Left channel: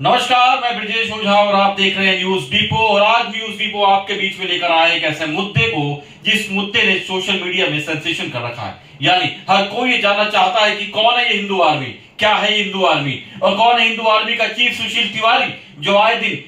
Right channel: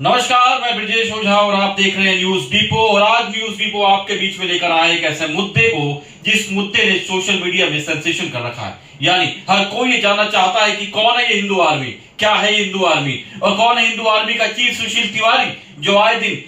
नमस्कार, मैं ब्रजेश ओझा और आप देख रहे हैं न्यूज डिपो। और आज न्यूज डिपो आपके बीच में लेकर आए एक ऐसे मुद्दे को जिस मुद्दे ने सोशल मीडिया में सेंसेशन कर रखा है। यानी हर कोई ये जानना चाहता है कि कौन है ये हिंदू आर्मी, क्या है ये हिंदू आर्मी, और कौन है हिंदू आर्मी का चीफ सुशील तिवारी, जो आए दिन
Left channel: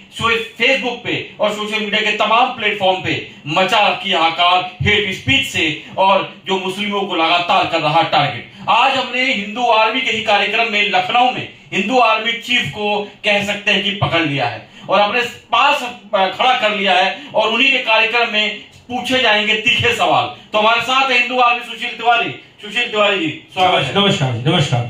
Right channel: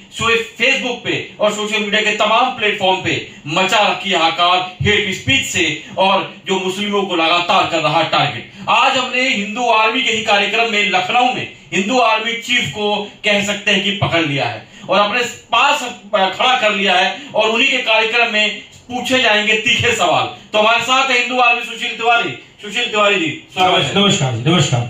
फेसबुक पे और सोशल मीडिया के तमाम प्लेटफॉर्म पे मचा रखी हाहाकार हेट स्पीच से और जो मुस्लिमों को लगातार कर रहा टारगेट। आज हमने हिंदू आर्मी के ही कार्यक्रम में लखनऊ में हिंदू आर्मी चीफ को कह सकते हैं कि पकड़ लिया है और अपने पास खड़ा कर लिया है और उन्हीं के कार्यक्रम में पूछे जाएंगे तीखे सवाल। तो हमारे साथ है हिंदू आर्मी सुशील तिवारी। सुशील तिवारी जी, स्वागत है। नमस्कार जी। नमस्कार।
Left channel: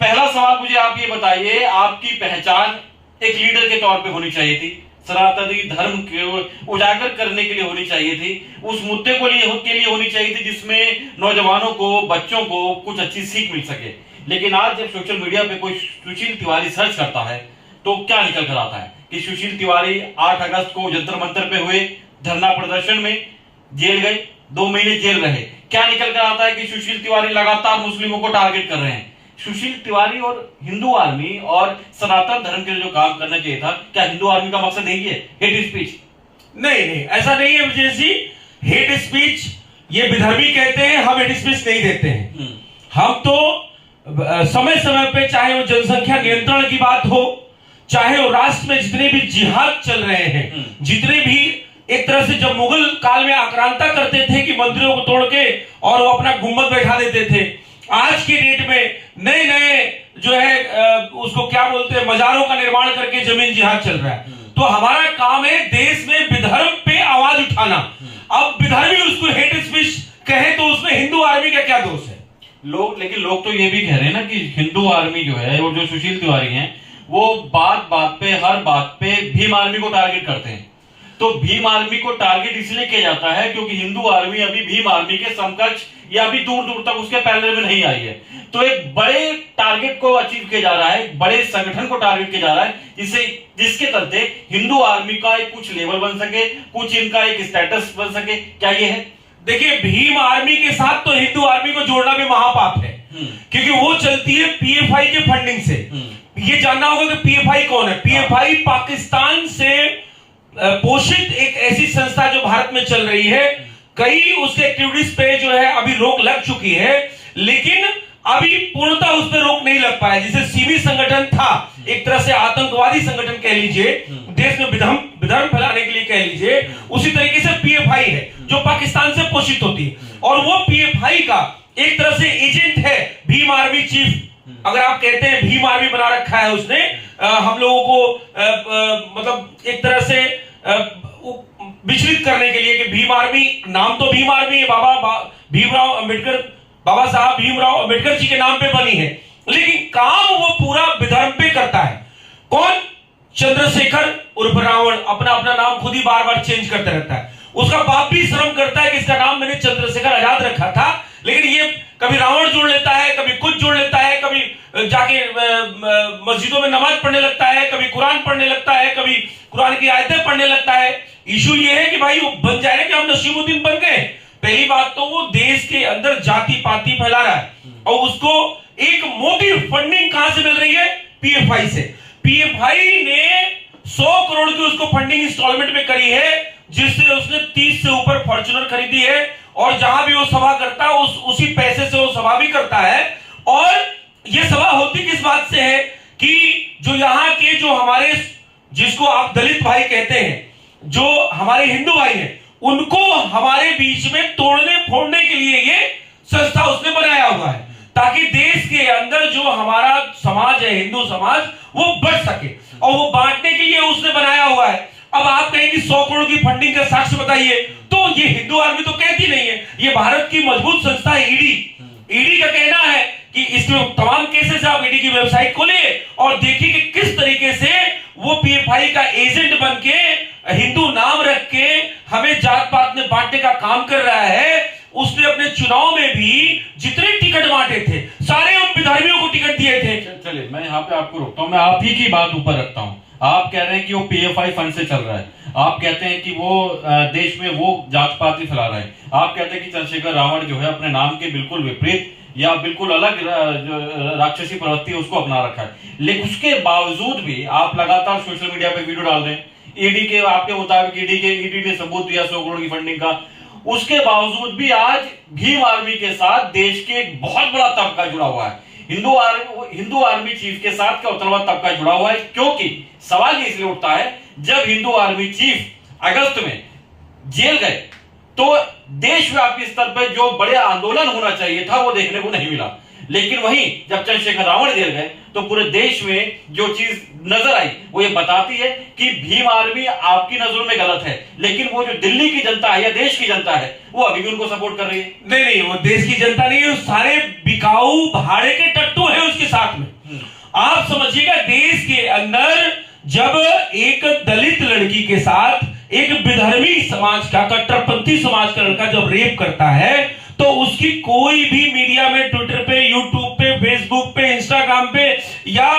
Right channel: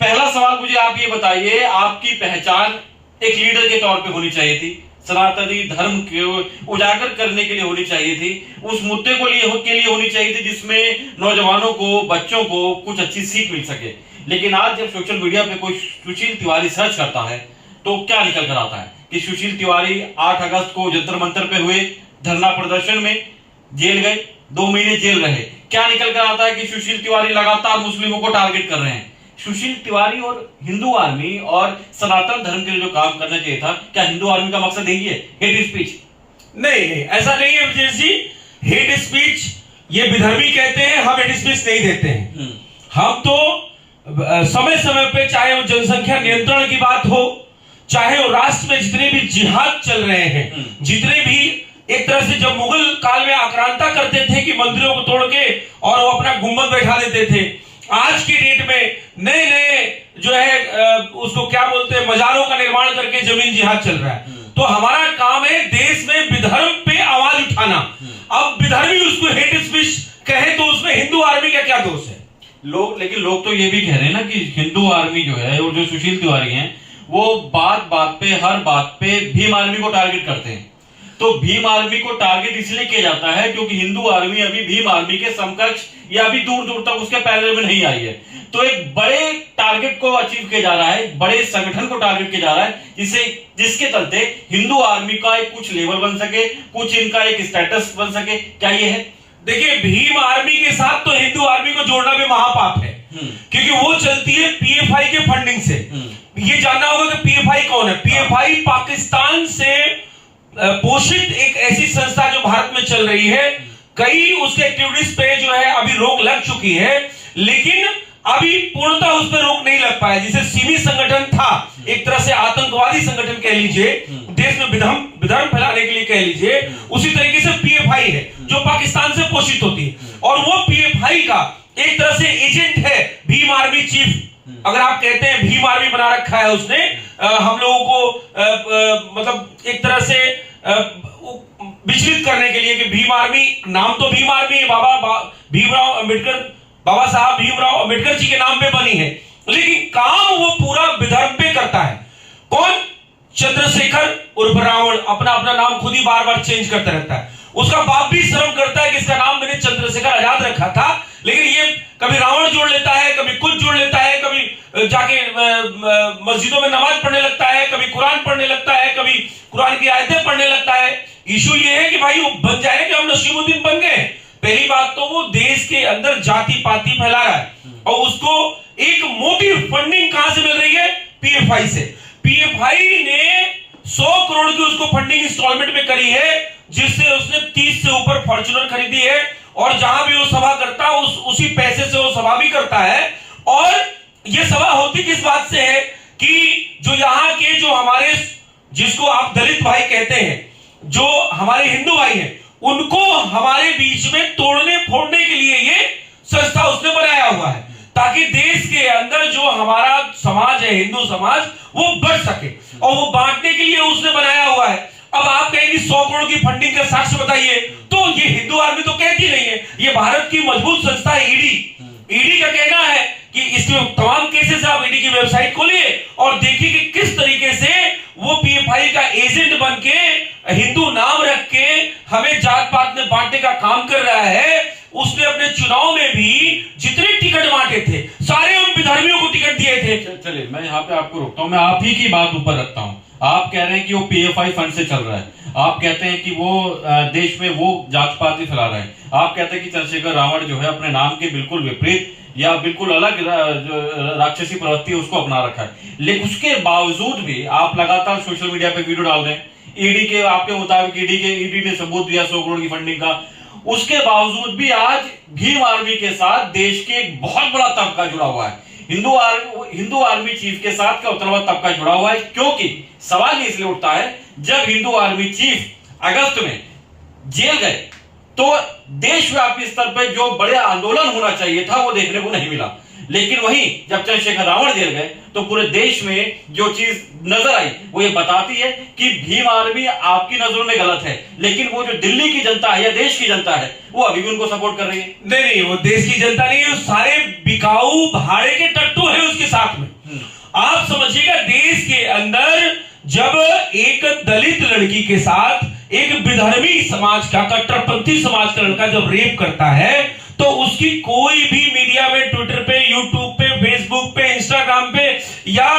पहला सवाल मुझे आप ये बताइए, आपकी पहचान एक लीडर के तौर पे होनी चाहिए थी, सनातनी धर्म को उजागर करने के लिए होनी चाहिए थी, उस मुद्दे के लिए होनी चाहिए थी जिसमें नौजवानों को, बच्चों को कुछ अच्छी सीख मिल सके। लेकिन आज जब सोशल मीडिया पे कोई सुशील तिवारी सर्च करता है तो क्या निकल कर आता है कि सुशील तिवारी 8 अगस्त को जंतर मंतर पे हुए धरना प्रदर्शन में जेल गए, 2 महीने जेल रहे। क्या निकल कर आता है कि सुशील तिवारी लगातार मुस्लिमों को टारगेट कर रहे हैं। सुशील तिवारी और हिंदू आर्मी और सनातन धर्म के लिए जो काम करना चाहिए था, क्या हिंदू आर्मी का मकसद यही है, हेट स्पीच? नहीं, ऐसा नहीं है विजय जी। हेट स्पीच ये विधर्मी कहते हैं, हम हेट स्पीच नहीं देते हैं। हम तो समय समय पे, चाहे वो जनसंख्या नियंत्रण की बात हो, चाहे वो राष्ट्र में जितने भी जिहाद चल रहे हैं, जितने भी एक तरह से जब मुगल काल में आक्रांता करते थे कि मंदिरों को तोड़ के और वो अपना गुम्बद बैठा देते थे, आज की डेट में नए नए जो है उसको क्या बोलते हैं, मजारों का निर्माण करके जमीन जिहाद चल रहा है। तो हमारा काम है देश में विधर्म पे आवाज उठाना। अब विधर्मी उसको हेट स्पीच कहे तो उसमें हिंदू आर्मी का क्या दोष है? लेकिन लोग तो ये भी कह रहे हैं ना कि हिंदू आर्मी जो है और जो सुशील तिवारी हैं वो बात बात पे, हर बात पे भीम आर्मी को टारगेट करते हैं। तो भीम आर्मी को टारगेट इसलिए किया जाता है क्योंकि हिंदू आर्मी अभी भीम आर्मी के समकक्ष या अभी दूर दूर तक उसके पैरेलल में नहीं आई है। तो एक बड़े टारगेट को अचीव किया जा रहा है, बड़े संगठन को टारगेट किया जा रहा है जिसके चलते हिंदू आर्मी का एक कुछ लेवल बन सके, कुछ इनका एक स्टेटस बन सके। क्या ये है? देखिए, भीम आर्मी के साथ तो हिंदू आर्मी को जोड़ना भी महापाप है, क्योंकि वो चलती है पीएफआई के फंडिंग से। ये जानना होगा कि पीएफआई कौन है। पीएफआई पाकिस्तान से पोषित एक ऐसी संस्था जो भारत में चल रही है। कई उसके एक्टिविटीज पे जो है अभी रोक लग चुकी है, लेकिन अभी पूर्णतः उस पर रोक नहीं लग पाया। जिसे सिमी संगठन था, एक तरह से आतंकवादी संगठन कह लीजिए, देश में विधर्म फैलाने के लिए कह लीजिए, उसी तरीके से पीएफआई है जो पाकिस्तान से पोषित होती है। और वो पीएफआई का एक तरह से एजेंट है भीम आर्मी चीफ। अगर आप कहते हैं भीम आर्मी बना रखा है उसने, हम लोगों को मतलब एक तरह से विचलित करने के लिए कि भीम आर्मी, नाम तो भीम आर्मी है, बाबा साहब भीमराव अंबेडकर जी के नाम पे बनी है, लेकिन काम वो पूरा विधर्म पे करता है। कौन? चंद्रशेखर उर्फ रावण अपना अपना नाम खुद ही बार बार चेंज करता रहता है। उसका बाप भी शर्म करता है कि इसका नाम मैंने चंद्रशेखर आजाद रखा था, लेकिन ये कभी रावण जोड़ लेता है, कभी कुछ जोड़ लेता है, कभी जाके मस्जिदों में नमाज पढ़ने लगता है, कभी कुरान पढ़ने लगता है, कभी कुरान की आयतें पढ़ने लगता है। इशू ये है कि भाई वो बन जाए कि हम नसीमुद्दीन बन गए। पहली बात तो वो देश के अंदर जाति पाति फैला रहा है और उसको एक मोटी फंडिंग कहां से मिल रही है? पीएफआई से। पीएफआई ने 100 करोड़ की उसको फंडिंग इंस्टॉलमेंट में करी है, जिससे उसने 30 से ऊपर फॉर्च्यूनर खरीदी है। और जहां भी वो सभा करता है उसी पैसे से वो सभा भी करता है। और ये सभा होती किस बात से है कि जो यहाँ के जो हमारे, जिसको आप दलित भाई कहते हैं, जो हमारे हिंदू भाई हैं, उनको हमारे बीच में तोड़ने फोड़ने के लिए ये संस्था उसने बनाया हुआ है, ताकि देश के अंदर जो हमारा समाज है, हिंदू समाज, वो बढ़ सके। और वो बांटने के लिए उसने बनाया हुआ है। अब आप कहेंगे 100 करोड़ की फंडिंग का साक्ष्य बताइए, तो ये हिंदू आर्मी तो कहती नहीं है। ये भारत की मजबूत संस्था है ईडी का कहना है कि इसमें तमाम केसेस आप ईडी की वेबसाइट खोलिए और देखिए कि किस तरीके से वो पीएफआई का एजेंट बन के, हिंदू नाम रख के हमें जात पात में बांटने का काम कर रहा है। उसने अपने चुनाव में भी जितने टिकट बांटे थे, सारे उन विधर्मियों को टिकट दिए थे। चलिए, मैं यहाँ पे आपको रोकता हूँ, मैं आप ही की बात ऊपर रखता हूँ। आप कह रहे हैं कि वो पीएफआई फंड से चल रहा है, आप कहते हैं कि वो देश में वो जात पात फैला रहा है, आप कहते हैं कि चंद्रशेखर रावण जो है अपने नाम के बिल्कुल विपरीत या बिल्कुल अलग राक्षसी प्रवृत्ति है उसको अपना रखा है, लेकिन उसके बावजूद भी आप लगातार सोशल मीडिया पे वीडियो डाल रहे हैं। ईडी के आपके मुताबिक ईडी ने सबूत दिया 100 करोड़ की फंडिंग का, उसके बावजूद भी आज भीम आर्मी के साथ देश के एक बहुत बड़ा तबका जुड़ा हुआ है। हिंदू आर्मी चीफ के साथ क्या उतरवा तबका जुड़ा हुआ है, क्योंकि सवाल इसलिए उठता है जब हिंदू आर्मी चीफ अगस्त में जेल गए तो देशव्यापी स्तर पर जो बड़े आंदोलन होना चाहिए था वो देखने को नहीं मिला, लेकिन वहीं जब चंद्रशेखर रावण जेल गए तो पूरे देश में जो चीज नजर आई वो ये बताती है कि भीम आर्मी आपकी नजरों में गलत है, लेकिन वो जो दिल्ली की जनता है या देश की जनता है वो अभी भी उनको सपोर्ट कर रही है। नहीं, वो देश की जनता नहीं है, सारे बिकाऊ भाड़े के टट्टू है उसके साथ में। आप समझिएगा, देश के अंदर जब एक दलित लड़की के साथ एक विधर्मी समाज का, कट्टरपंथी समाज का लड़का जब रेप करता है तो उसकी कोई भी मीडिया में, ट्विटर पे, यूट्यूब पे, फेसबुक पे, इंस्टाग्राम पे या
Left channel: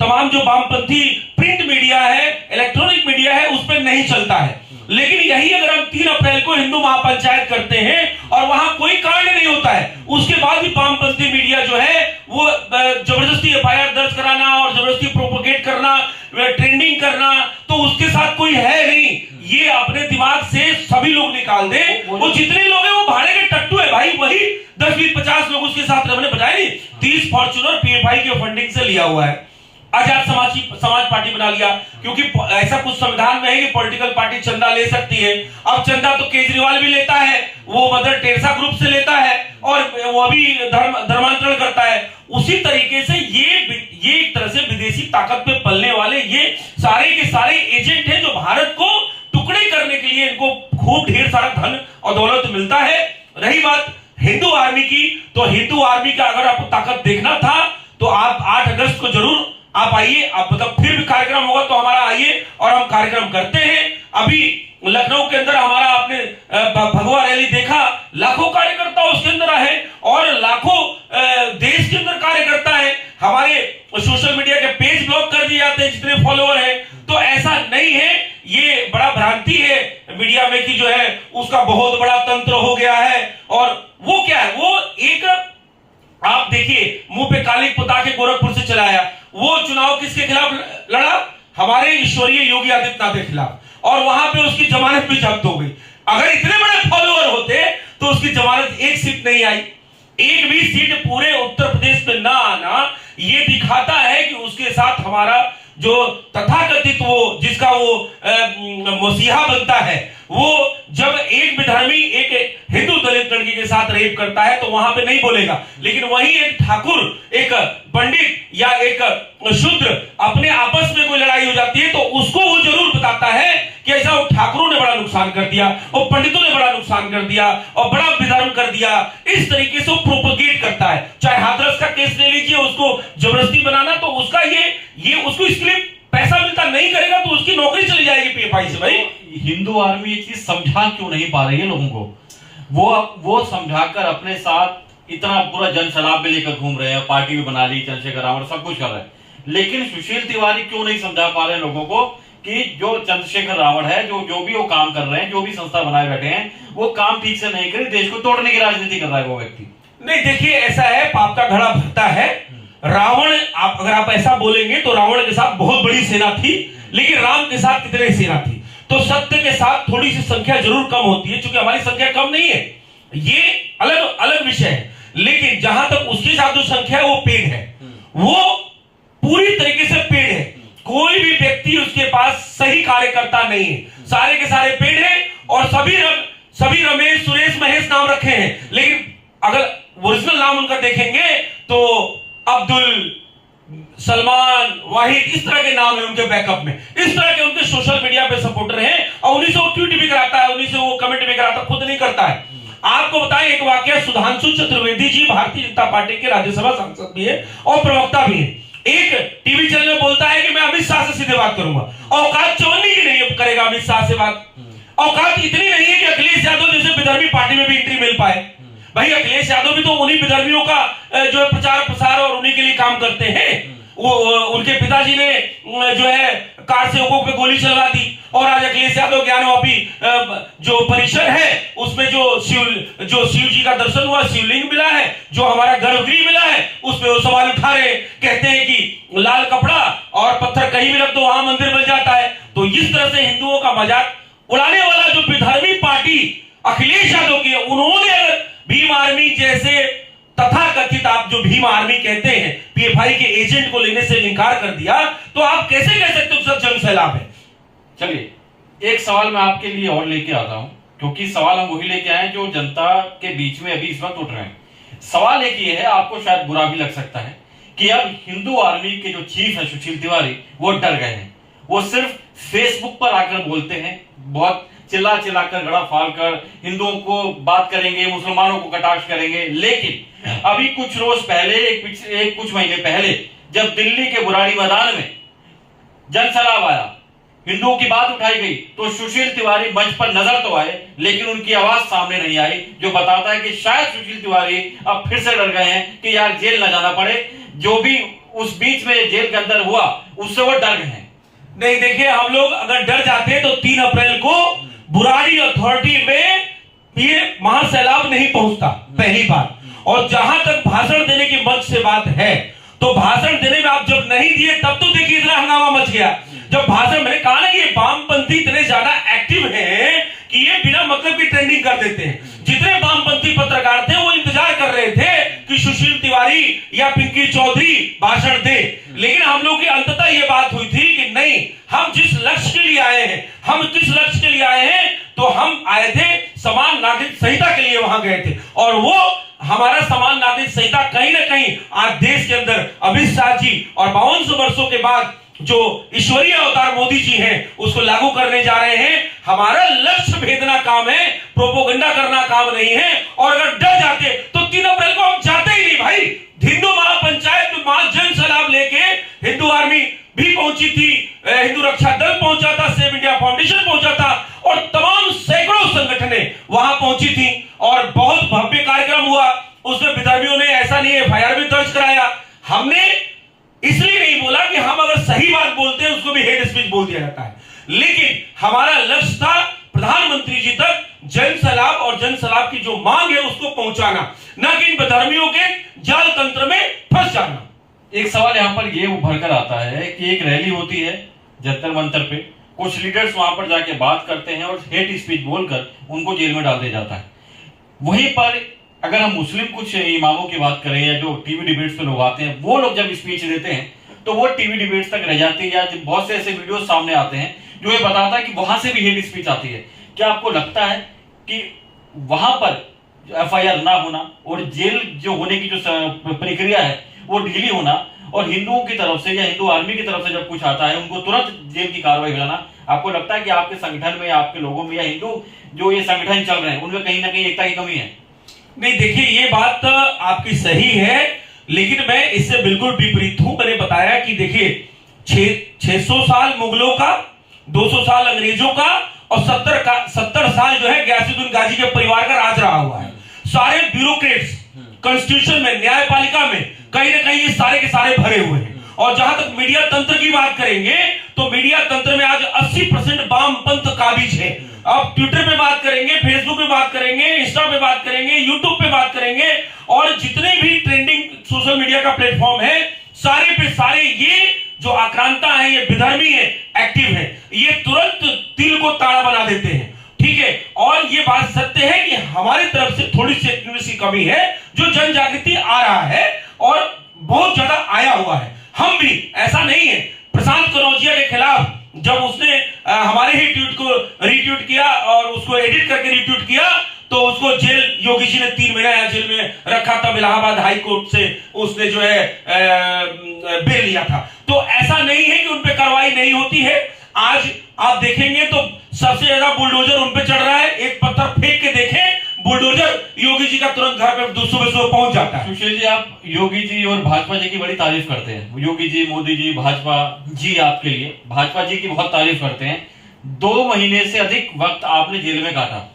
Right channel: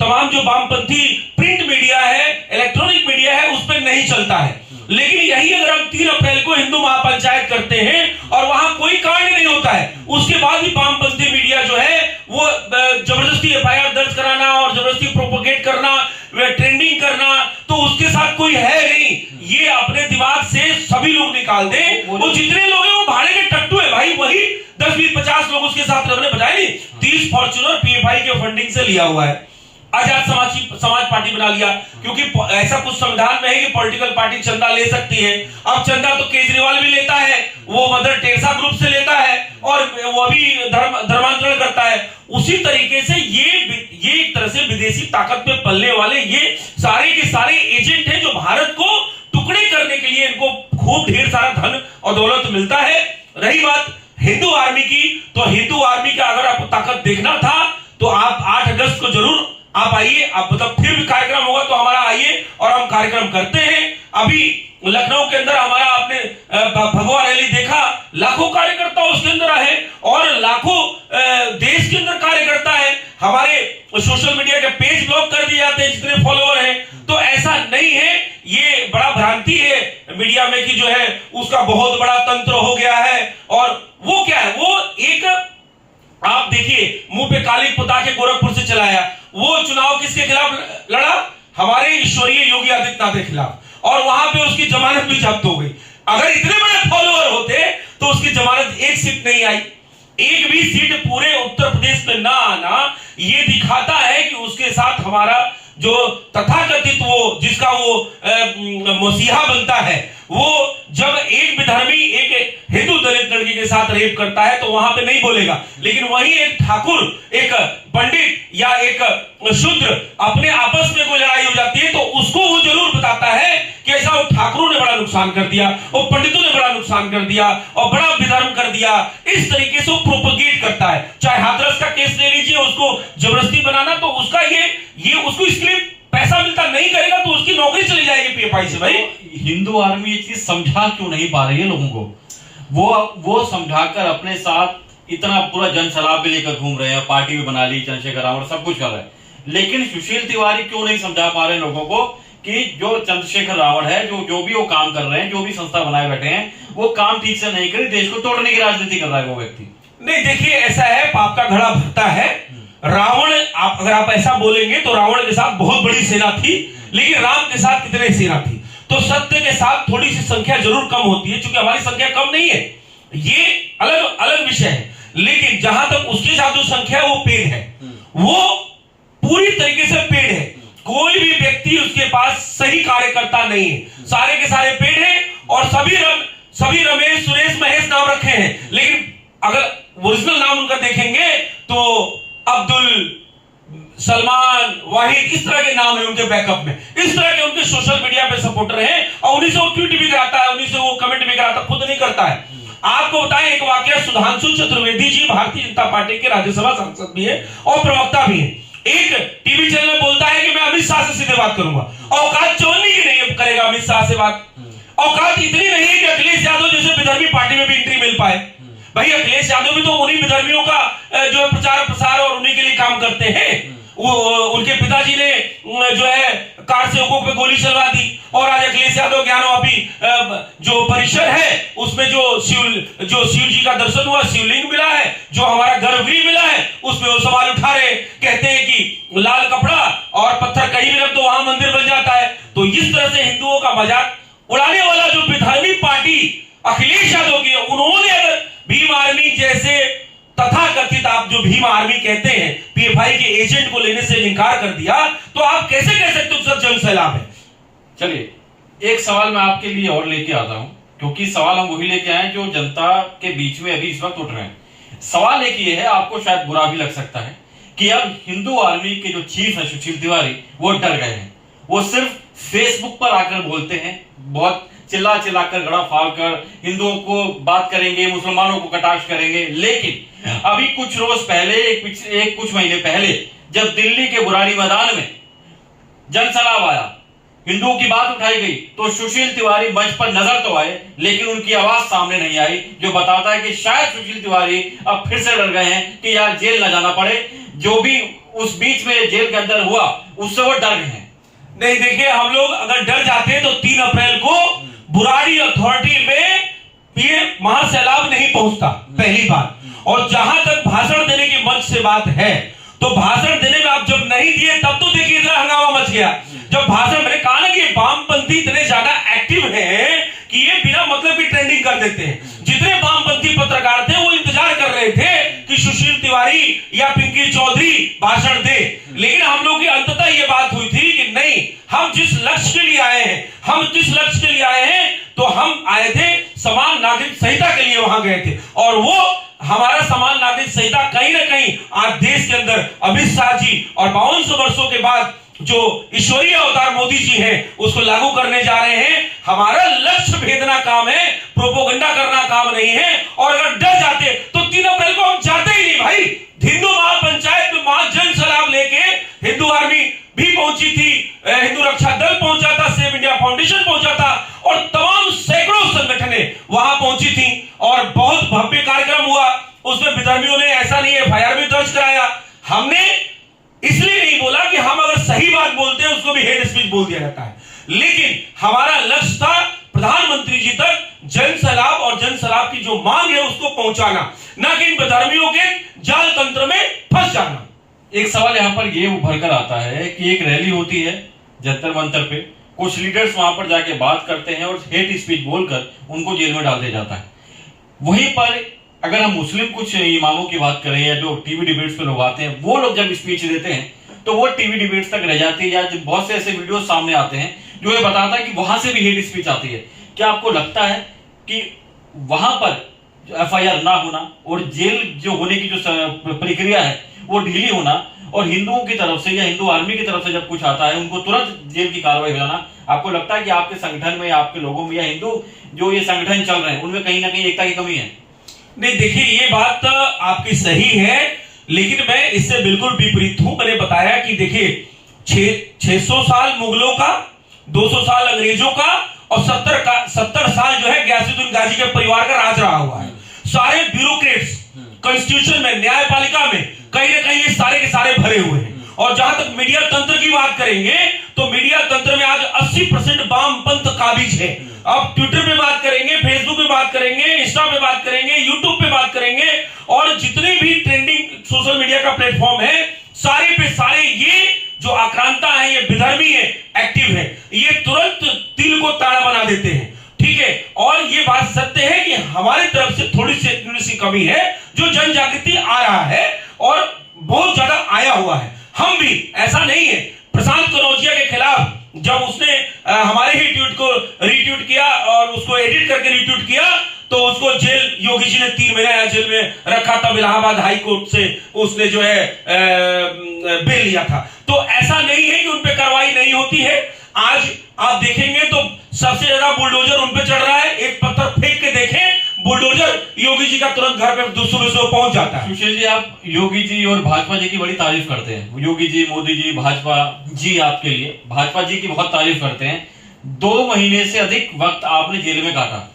तमाम जो वामपंथी प्रिंट मीडिया है, इलेक्ट्रॉनिक मीडिया है, उस पर नहीं चलता है। लेकिन यही अगर हम 3 अप्रैल को हिंदू महापंचायत करते हैं और वहां कोई कांड नहीं होता है, उसके बाद भी वामपंथी मीडिया जो है वो जबरदस्ती एफआईआर दर्ज कराना और जबरदस्ती प्रोपोगेट करना, ट्रेंडिंग करना, तो उसके साथ कोई है नहीं। ये अपने दिमाग से सभी लोग निकाल दे, वो जितने लोग हैं वो भाड़े के टट्टू है भाई, वही 10, 20, 50 लोग उसके साथ हमने बताया नहीं, 30 फॉर्च्यूनर पीएफआई के फंडिंग से लिया हुआ है। आजाद समाज पार्टी बना लिया, क्योंकि ऐसा कुछ संविधान में है कि पॉलिटिकल पार्टी चंदा ले सकती है। अब चंदा तो केजरीवाल भी लेता है, वो मदर टेरेसा ग्रुप से लेता है और वो भी धर्मांतरण करता है। उसी तरीके से ये एक तरह से विदेशी ताकत पे पलने वाले ये सारे के सारे एजेंट हैं जो भारत को टुकड़े करने के लिए इनको खूब ढेर सारा धन और दौलत मिलता है। रही बात हिंदू आर्मी की, तो हिंदू आर्मी का अगर आपको ताकत देखना था तो आप 8 अगस्त को जरूर आप आइए, आप मतलब फिर भी कार्यक्रम होगा तो हमारा आइए और हम कार्यक्रम करते हैं। अभी लखनऊ के अंदर हमारा आपने भगवा रैली देखा, लाखों कार्यकर्ता उसके अंदर है और लाखों देश के अंदर कार्यकर्ता है। हमारे सोशल मीडिया के पेज ब्लॉक कर दिए जाते हैं जितने फॉलोअर हैं, तो ऐसा नहीं है, ये बड़ा भ्रांति है मीडिया में कि जो है उसका बहुत बड़ा तंत्र हो गया है। और वो क्या है, वो एक आप देखिए मुंह पे काली पुता के गोरखपुर से चलाया, वो चुनाव किसके खिलाफ लड़ा, हमारे ईश्वरीय योगी आदित्यनाथ के खिलाफ, और वहां पे उसकी जमानत भी जब्त हो गई। अगर इतने बड़े फॉलोअर होते तो उसकी जमानत 1 सीट नहीं आई। एक भी सीट पूरे उत्तर प्रदेश में ना आना ये दिखाता है कि उसके साथ हमारा जो तथाकथित वो जिसका वो मसीहा बनता है, वो जब एक विधर्मी एक हिंदू दलित लड़की के साथ रेप करता है तो वहां पे नहीं बोलेगा, लेकिन वहीं एक ठाकुर, एक पंडित या एक शूद्र अपने आपस में कोई लड़ाई हो जाती है तो उसको वो जरूर बताता है कि ऐसा वो ठाकुरों ने बड़ा नुकसान कर दिया, वो पंडितों ने बड़ा नुकसान कर दिया और बड़ा विधर्म कर दिया। इस तरीके से वो प्रोपोगेट करता है। चाहे हाथरस का केस ले लीजिए, उसको जबरदस्ती बनाना, तो उसका ये उसको इसके लिए पैसा मिलता नहीं करेगा तो उसकी नौकरी चली जाएगी पीएफआई से। भाई हिंदू आर्मी ये चीज समझा क्यों नहीं पा रही है लोगों को, वो समझाकर अपने साथ इतना पूरा जन सलाब भी लेकर घूम रहे हैं, पार्टी भी बना ली, चंद्रशेखर रावण सब कुछ कर रहे हैं, लेकिन सुशील तिवारी क्यों नहीं समझा पा रहे हैं लोगों को कि जो चंद्रशेखर रावण है, जो भी वो काम कर रहे हैं, जो भी संस्था बनाए बैठे हैं, वो काम ठीक से नहीं करे, देश को तोड़ने की राजनीति कर रहा है वो व्यक्ति। नहीं, देखिए ऐसा है, पाप का घड़ा भरता है। रावण, अगर आप ऐसा बोलेंगे तो रावण के साथ बहुत बड़ी सेना थी, लेकिन राम के साथ कितनी सेना थी, तो सत्य के साथ थोड़ी सी संख्या जरूर कम होती है, क्योंकि हमारी संख्या कम नहीं है, ये अलग अलग विषय है। लेकिन जहां तक उसके साथ जो संख्या है वो पेड़ है, वो पूरी तरीके से पेड़ है। कोई भी व्यक्ति उसके पास सही कार्यकर्ता नहीं है, सारे के सारे पेड़ है और सभी रमेश, सुरेश, महेश नाम रखे हैं, लेकिन अगर ओरिजिनल नाम उनका देखेंगे तो अब्दुल, सलमान, वाहिद, इस तरह के नाम है उनके बैकअप में, इस तरह के उनके सोशल मीडिया पे सपोर्टर हैं और उन्हीं से वो ट्वीट भी कराता है, उन्हीं से वो कमेंट भी कराता है, खुद नहीं करता है। आपको बताएं एक वाकया, सुधांशु चतुर्वेदी जी भारतीय जनता पार्टी के राज्यसभा सांसद भी है और प्रवक्ता भी है। एक टीवी चैनल में बोलता है कि मैं अमित शाह से सीधे बात करूंगा, औकात चवन्नी की नहीं करेगा अमित शाह से बात। औकात इतनी नहीं है कि अखिलेश यादव जैसे विधर्मी पार्टी में भी एंट्री मिल पाए। भाई अखिलेश यादव भी तो उन्हीं विधर्मियों का जो है प्रचार प्रसार और उन्हीं के लिए काम करते हैं। वो उनके पिताजी ने जो है कार सेवकों पे गोली चलवा दी और आज अखिलेश यादव ज्ञानवापी जो परिसर है उसमें जो शिव जी का दर्शन हुआ, शिवलिंग मिला है, जो हमारा गर्भगृह मिला है, उसमें वो सवाल उठा रहे, कहते हैं कि लाल कपड़ा और पत्थर कहीं भी रख दो वहां मंदिर बन जाता है। तो इस तरह से हिंदुओं का मजाक उड़ाने वाला जो विधर्मी पार्टी अखिलेश यादव की है, उन्होंने अगर भीम आर्मी जैसे तथाकथित, आप जो भीम आर्मी कहते हैं, पीएफआई के एजेंट को लेने से इनकार कर दिया, तो आप कैसे कह सकते हो सर जन सैलाब है? चलिए एक सवाल मैं आपके लिए और लेके आता हूं, क्योंकि सवाल हम वही लेके आए जो जनता के बीच में अभी इस वक्त उठ रहे हैं। सवाल एक ये है, आपको शायद बुरा भी लग सकता है कि अब हिंदू आर्मी के जो चीफ है सुशील तिवारी, वो डर गए हैं। वो सिर्फ फेसबुक पर आकर बोलते हैं, बहुत चिल्ला चिल्लाकर गड़ा फाड़ कर हिंदुओं को बात करेंगे, मुसलमानों को कटाक्ष करेंगे। लेकिन अभी कुछ रोज पहले, कुछ महीने पहले, जब दिल्ली के बुराड़ी मैदान में जनसैलाब आया, हिंदुओं की बात उठाई गई, तो सुशील तिवारी मंच पर नजर तो आए, लेकिन उनकी आवाज सामने नहीं आई, जो बताता है कि शायद सुशील तिवारी अब फिर से डर गए हैं कि यार जेल न जाना पड़े। जो भी उस बीच में जेल के अंदर हुआ, उससे वो डर गए हैं। नहीं, देखिए, हम लोग अगर डर जाते हैं तो 3 अप्रैल को बुराड़ी अथॉरिटी में ये महासैलाब नहीं पहुंचता, पहली बात। और जहां तक भाषण देने की मंच से बात है, तो भाषण देने में आप जब नहीं दिए तब तो देखिए इतना हंगामा मच गया। जब भाषण, मैंने कहा ना कि वामपंथी इतने ज्यादा एक्टिव हैं कि ये बिना मतलब की ट्रेंडिंग कर देते हैं। जितने वामपंथी पत्रकार थे वो इंतजार कर रहे थे कि सुशील तिवारी या पिंकी चौधरी भाषण दे, लेकिन हम लोग की अंततः ये बात हुई थी कि नहीं, हम जिस लक्ष्य के लिए आए हैं, हम किस लक्ष्य के लिए आए हैं, तो हम आए थे समान नागरिक संहिता के लिए वहां गए थे। और वो हमारा समान नागरिक संहिता कहीं ना कहीं आज देश के अंदर अमित शाह जी और 52 वर्षों के बाद जो ईश्वरीय अवतार मोदी जी हैं उसको लागू करने जा रहे हैं। हमारा लक्ष्य भेदना काम है, प्रोपोगंडा करना काम नहीं है। और अगर डर जाते तो 3 अप्रैल को हम जाते ही नहीं भाई। हिंदू महापंचायत में वहां जन सैलाब लेके हिंदू आर्मी भी पहुंची थी, हिंदू रक्षा दल पहुंचा था, सेव इंडिया फाउंडेशन पहुंचा था, और तमाम सैकड़ों संगठनें वहां पहुंची थी और बहुत भव्य कार्यक्रम हुआ। उसमें विधर्मियों ने ऐसा नहीं एफआईआर भी दर्ज कराया। हमने इसलिए नहीं बोला कि हम अगर सही बात बोलते हैं उसको भी हेट स्पीच बोल दिया जाता है, लेकिन हमारा लक्ष्य था प्रधानमंत्री जी तक जन सैलाब और जन सैलाब की जो मांग है उसको पहुंचाना, ना कि इन विधर्मियों के जाल तंत्र में फंस जाना। एक सवाल यहाँ पर ये उभर कर आता है कि एक रैली होती है जंतर मंतर पे, कुछ लीडर्स वहां पर जाके बात करते हैं और हेट स्पीच बोलकर उनको जेल में डाल दिया जाता है। वहीं पर अगर हम मुस्लिम कुछ इमामों की बात करें या जो टीवी डिबेट्स पे लोग आते हैं, वो लोग जब स्पीच देते हैं तो वो टीवी डिबेट्स तक रह जाती है, या बहुत से ऐसे वीडियो सामने आते हैं जो ये बताता है कि वहां से भी हेट स्पीच आती है। क्या आपको लगता है कि वहां पर एफआईआर ना होना और जेल जो होने की जो प्रक्रिया है वो ढीली होना, और हिंदुओं की तरफ से या हिंदू आर्मी की तरफ से जब कुछ आता है उनको तुरंत जेल की कार्रवाई हो जाना, आपको लगता है कि आपके संगठन में, आपके लोगों में या हिंदू जो ये संगठन चल रहे हैं उनमें कहीं ना कहीं एकता की कमी है? नहीं, देखिए, ये बात आपकी सही है, लेकिन मैं इससे बिल्कुल विपरीत हूं। मैंने बताया कि देखिए 600 साल मुगलों का, 200 साल अंग्रेजों का और 70 साल जो है गयासुद्दीन गाजी के परिवार का राज रहा हुआ है। सारे ब्यूरोक्रेट्स कॉन्स्टिट्यूशन में, न्यायपालिका में कहीं ना कहीं ये सारे के सारे भरे हुए हैं। और जहां तक मीडिया तंत्र की बात करेंगे तो मीडिया तंत्र में आज 80% वामपंथ काबिज है। अब ट्विटर पे बात करेंगे, फेसबुक पे बात करेंगे, इंस्टा पे बात करेंगे, यूट्यूब पे बात करेंगे, और जितने भी ट्रेंडिंग सोशल मीडिया का प्लेटफॉर्म है सारे पे सारे ये जो आक्रांता है, ये विधर्मी है, एक्टिव है, ये तुरंत तिल को ताड़ा बना देते हैं। ठीक है, और ये बात सत्य है कि हमारी तरफ से थोड़ी सी कमी है, जो जन जागृति आ रहा है और बहुत ज्यादा आया हुआ है। हम भी, ऐसा नहीं है, प्रशांत कनौजिया के खिलाफ जब उसने हमारे ही ट्वीट को रीट्वीट किया और उसको एडिट करके रीट्वीट किया, तो उसको जेल, योगी जी ने 3 महीना जेल में रखा था। इलाहाबाद हाई कोर्ट से उसने जो है बेल लिया था। तो ऐसा नहीं है कि उनपे कार्रवाई नहीं होती है। आज आप देखेंगे तो सबसे ज्यादा बुलडोजर उनपे चढ़ रहा है। एक पत्थर फेंक के देखें, बुलडोजर योगी जी का तुरंत घर पे 200 पहुंच जाता है। सुशील जी, आप योगी जी और भाजपा जी की बड़ी तारीफ करते हैं। योगी जी, मोदी जी, भाजपा जी आपके लिए, भाजपा जी की बहुत तारीफ करते हैं। 2 महीने से अधिक वक्त आपने जेल में काटा।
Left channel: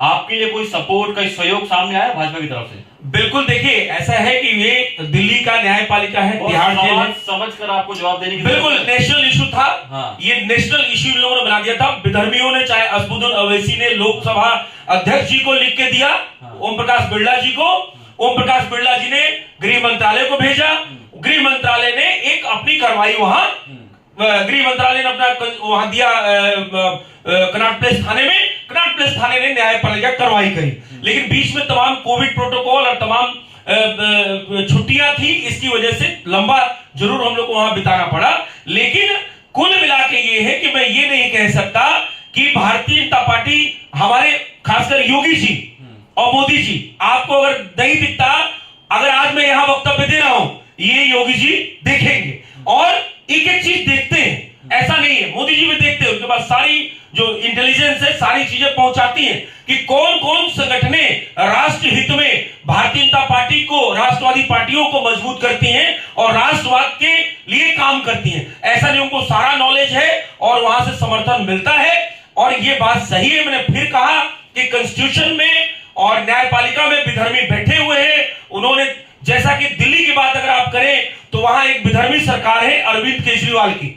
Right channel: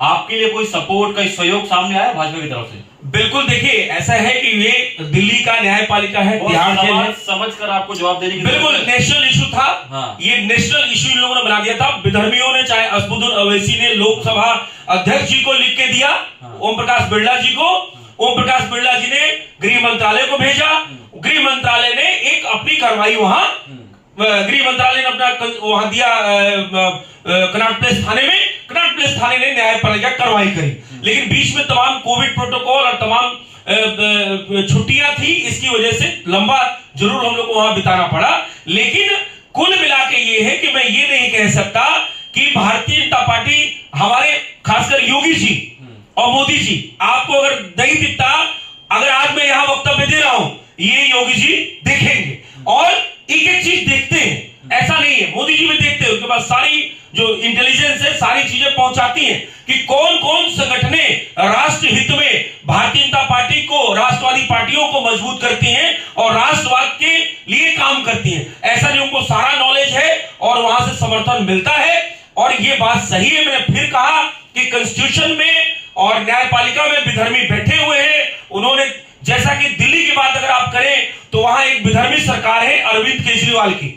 आपके लिए कोई सपोर्ट, कोई सहयोग सामने आया भाजपा की तरफ से? बिल्कुल, देखिए ऐसा है कि ये दिल्ली का न्यायपालिका है, तिहाड़ जेल है। समझ कर आपको जवाब देने की बिल्कुल नेशनल इशू था। हाँ। ये नेशनल इशू इन लोगों ने बना दिया था। विधर्मियों ने, चाहे असदुद्दीन ओवैसी ने लोकसभा अध्यक्ष जी को लिख के दिया, ओम प्रकाश बिरला जी को। ओम प्रकाश बिरला जी ने गृह मंत्रालय को भेजा। गृह मंत्रालय ने एक अपनी कार्रवाई वहां, गृह मंत्रालय ने अपना वहां दिया कनॉट प्लेस थाने में। कनॉट प्लेस थाने ने न्यायपालिका कार्रवाई करी, लेकिन बीच में तमाम कोविड प्रोटोकॉल और तमाम छुट्टियां थी, इसकी वजह से लंबा जरूर हम लोग को वहां बिताना पड़ा। लेकिन कुल मिला के ये है कि मैं ये नहीं कह सकता कि भारतीय जनता पार्टी, हमारे खासकर योगी जी और मोदी जी, आपको अगर नहीं दिखता, अगर आज मैं यहां वक्तव्य दे रहा हूं, ये योगी जी देखेंगे और एक एक चीज देखते हैं। ऐसा नहीं है, मोदी जी भी देखते हैं, उनके पास सारी जो इंटेलिजेंस है, सारी चीजें पहुंचाती हैं कि कौन कौन संगठनें राष्ट्र हित में भारतीय जनता पार्टी को, राष्ट्रवादी पार्टियों को मजबूत करती हैं और राष्ट्रवाद के लिए काम करती हैं। ऐसा नहीं, उनको सारा नॉलेज है और वहां से समर्थन मिलता है। और ये बात सही है, मैंने फिर कहा कि कॉन्स्टिट्यूशन में और न्यायपालिका में विधर्मी बैठे हुए हैं। उन्होंने, जैसा कि दिल्ली की बात अगर आप करें तो वहां एक विधर्मी सरकार है अरविंद केजरीवाल की।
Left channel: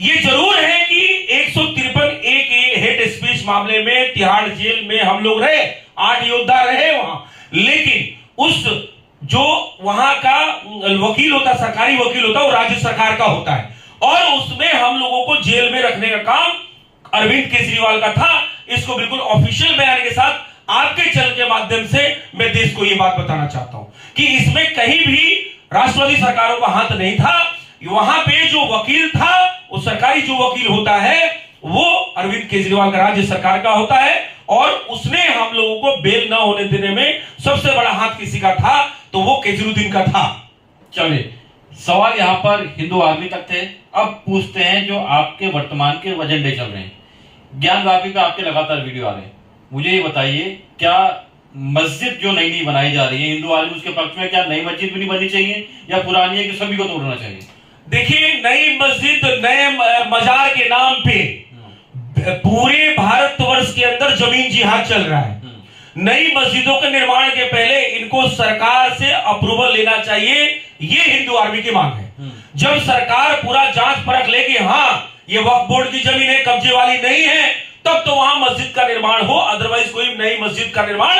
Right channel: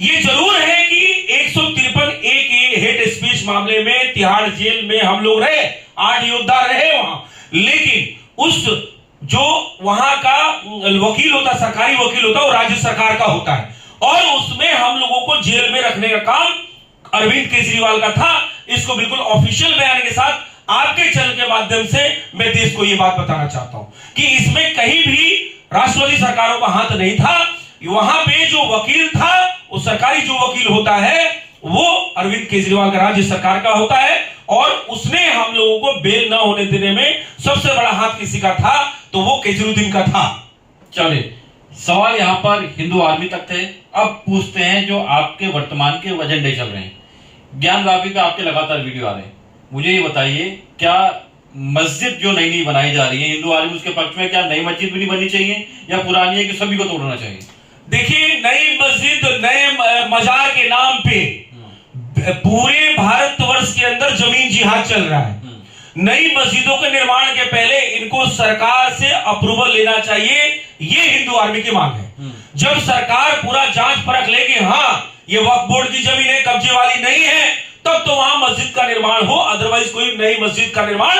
ये जरूर है कि 153A के हेट स्पीच मामले में तिहाड़ जेल में हम लोग रहे, 8 योद्धा रहे वहां, लेकिन उस जो वहां का वकील होता, सरकारी वकील होता, वो राज्य सरकार का होता है और उसमें हम लोगों को जेल में रखने का काम अरविंद केजरीवाल का था। इसको बिल्कुल ऑफिशियल बयान के साथ आपके चैनल के माध्यम से मैं देश को यह बात बताना चाहता हूं कि इसमें कहीं भी राष्ट्रवादी सरकारों का हाथ नहीं था। वहां पे जो वकील था, वो सरकारी जो वकील होता है, वो अरविंद केजरीवाल का राज्य सरकार का होता है और उसने हम लोगों को बेल ना होने देने में सबसे बड़ा हाथ किसी का था, तो वो केजरीवाल का था। चलिए, सवाल यहां पर हिंदू आर्मी तक थे। अब पूछते हैं जो आपके वर्तमान के एजेंडे चल रहे हैं। ज्ञानवापी पे आपके लगातार वीडियो आ रहे हैं, मुझे ये बताइए, क्या मस्जिद जो नई नई बनाई जा रही है, हिंदू आर्मी उसके पक्ष में, क्या नई मस्जिद भी नहीं बननी चाहिए या पुरानी है कि सभी को तोड़ना चाहिए? देखिए, नई मस्जिद, नए मजार के नाम पे पूरे भारतवर्ष के अंदर जमीन जिहाद चल रहा है। नई मस्जिदों के निर्माण के पहले इनको सरकार से अप्रूवल लेना चाहिए, ये हिंदू आर्मी की मांग है। जब सरकार पूरा जांच परख लेगी, हाँ ये वक्फ बोर्ड की जमीन है, कब्जे वाली नहीं है, तब तो वहां मस्जिद का निर्माण हो, अदरवाइज कोई नई मस्जिद का निर्माण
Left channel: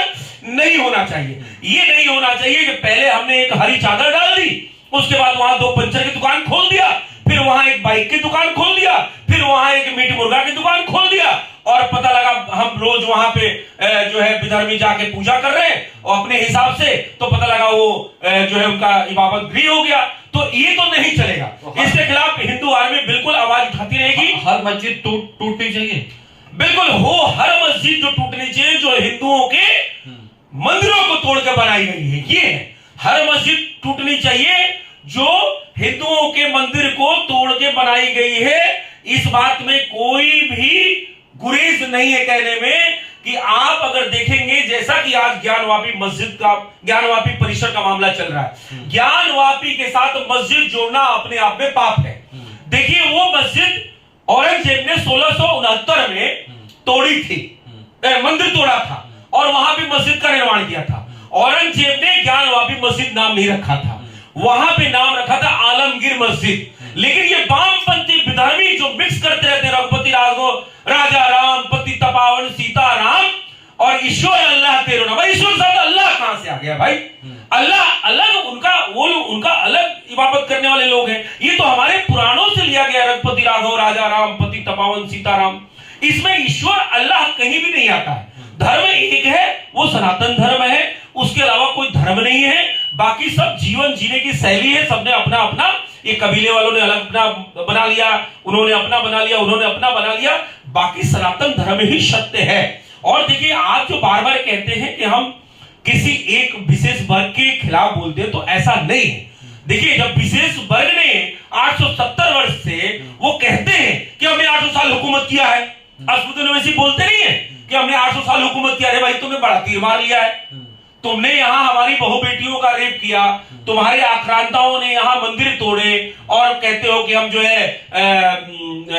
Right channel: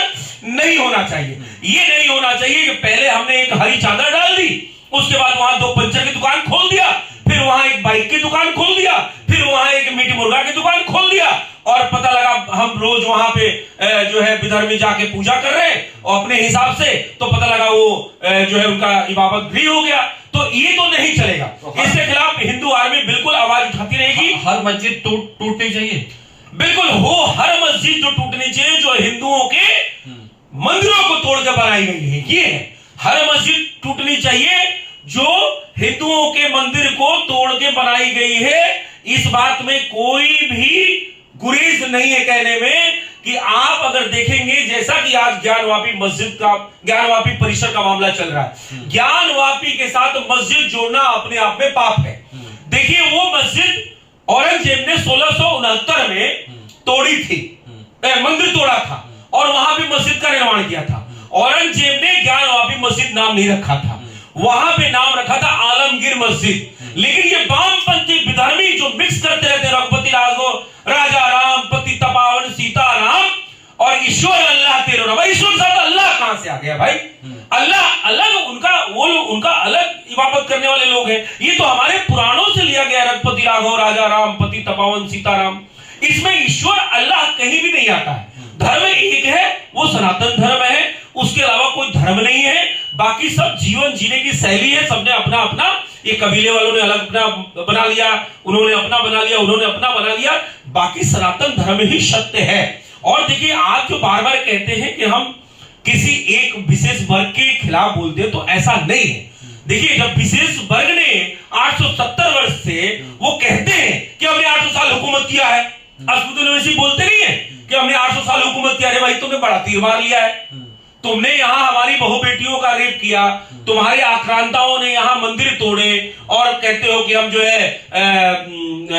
नहीं होना चाहिए। ये नहीं होना चाहिए कि पहले हमने एक हरी चादर डाल दी, उसके बाद वहां 2 पंचर की दुकान खोल दिया, फिर वहां एक बाइक की दुकान खोल दिया, फिर वहां एक मीट मुर्गा की दुकान खोल दिया और पता लगा हम रोज वहां पे जो है विधर्मी जाके पूजा कर रहे हैं और अपने हिसाब से, तो पता लगा वो जो है उनका इबादत गृह हो गया। तो ये तो नहीं चलेगा, इसके खिलाफ हिंदू आर्मी बिल्कुल आवाज उठाती रहेगी। हर मस्जिद टूटनी चाहिए, बिल्कुल हो, हर मस्जिद जो टूटनी चाहिए, जो हिंदुओं के मंदिरों को तोड़ के बनाई गई है, ये है। हर मस्जिद टूटनी चाहिए जो हिंदुओं के मंदिर को तोड़ के बनाई गई है। इस बात में कोई भी गुरेज नहीं है कहने में कि आप अगर देखेंगे, जैसा कि आज ज्ञानवापी मस्जिद का, ज्ञानवापी परिसर का मामला चल रहा है, ज्ञानवापी के साथ मस्जिद जोड़ना अपने आप में पाप है। देखिए, वो मस्जिद औरंगजेब ने 1669 में तोड़ी थी, मंदिर तोड़ा था और वहां भी मस्जिद का निर्माण किया था। औरंगजेब ने ज्ञानवापी मस्जिद नाम नहीं रखा था, वहां पे नाम रखा था आलमगीर मस्जिद। लेकिन ये वामपंथी विधर्मी जो मिक्स करते रहते, रघुपति राघव, राजा राम, पति तपावन, सीता राम और ईश्वर अल्लाह तेरो नाम। ईश्वर साथ अल्लाह कहां से आ गया भाई? अल्लाह अलग, उनका वो लोग, उनका अलग इबादत करने वाले लोग हैं। ये तो हमारे पुराणों से लिया गया, रघुपति राघव, राजा राम, पति तपावन, सीता राम। इसमें ईश्वर अल्लाह कहीं भी नहीं आता है। धर्म एक है, वो सनातन धर्म है, उसके अलावा कोई धर्म नहीं है। बाकी सब जीवन जीने की शैली है, सबने अपना अपना, ये कबीले वालों ने अलग अपना बना लिया, उन्होंने अपना बना लिया, उन्होंने अपना बना लिया, बाकी सनातन धर्म ही सत्य है। और देखिए, आप जो बार बार कहते हैं कि हम किसी एक विशेष वर्ग के खिलाफ बोलते हैं, तो ऐसा नहीं है। देखिए, जब विशेष वर्ग ने 870 वर्ष से वो कहते हैं कि हमने 800 साल हुकूमत किया है, असदुद्दीन ओवैसी बोलते नहीं है कि हमने 800 साल हुकूमत किया। अरे भाई, तुमने बड़ा तीर मार लिया है, तुमने यहां हमारी बहु बेटियों का रेप किया, तुम्हारे आक्रांताओं ने यहां मंदिर तोड़े और कहते हो कि हम जो है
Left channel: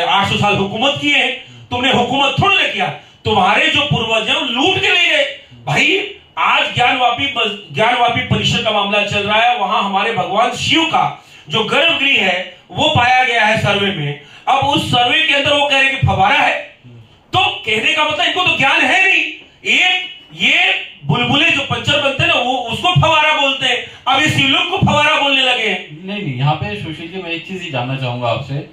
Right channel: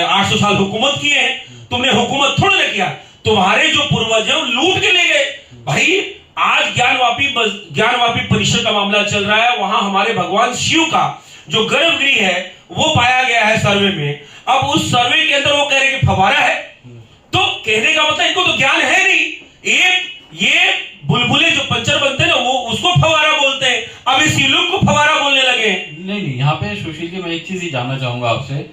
800 साल हुकूमत किए हैं। तुमने हुकूमत थोड़ा ना किया, तुम्हारे जो पूर्वज हैं वो लूट के ले गए। भाई आज ज्ञानवापी परिषद का मामला चल रहा है, वहां हमारे भगवान शिव का जो गर्भगृह है वो पाया गया है सर्वे में। अब उस सर्वे के अंदर वो कह रहे कि फव्वारा है, तो कहने का मतलब इनको तो ज्ञान है नहीं। ये बुलबुले जो पंचर बनते हैं ना, वो उसको फव्वारा बोलते हैं, अब इस शिवलिंग को फव्वारा बोलने लगे। नहीं, यहाँ पे सुशील जी मैं एक चीज ही जानना चाहूंगा आपसे।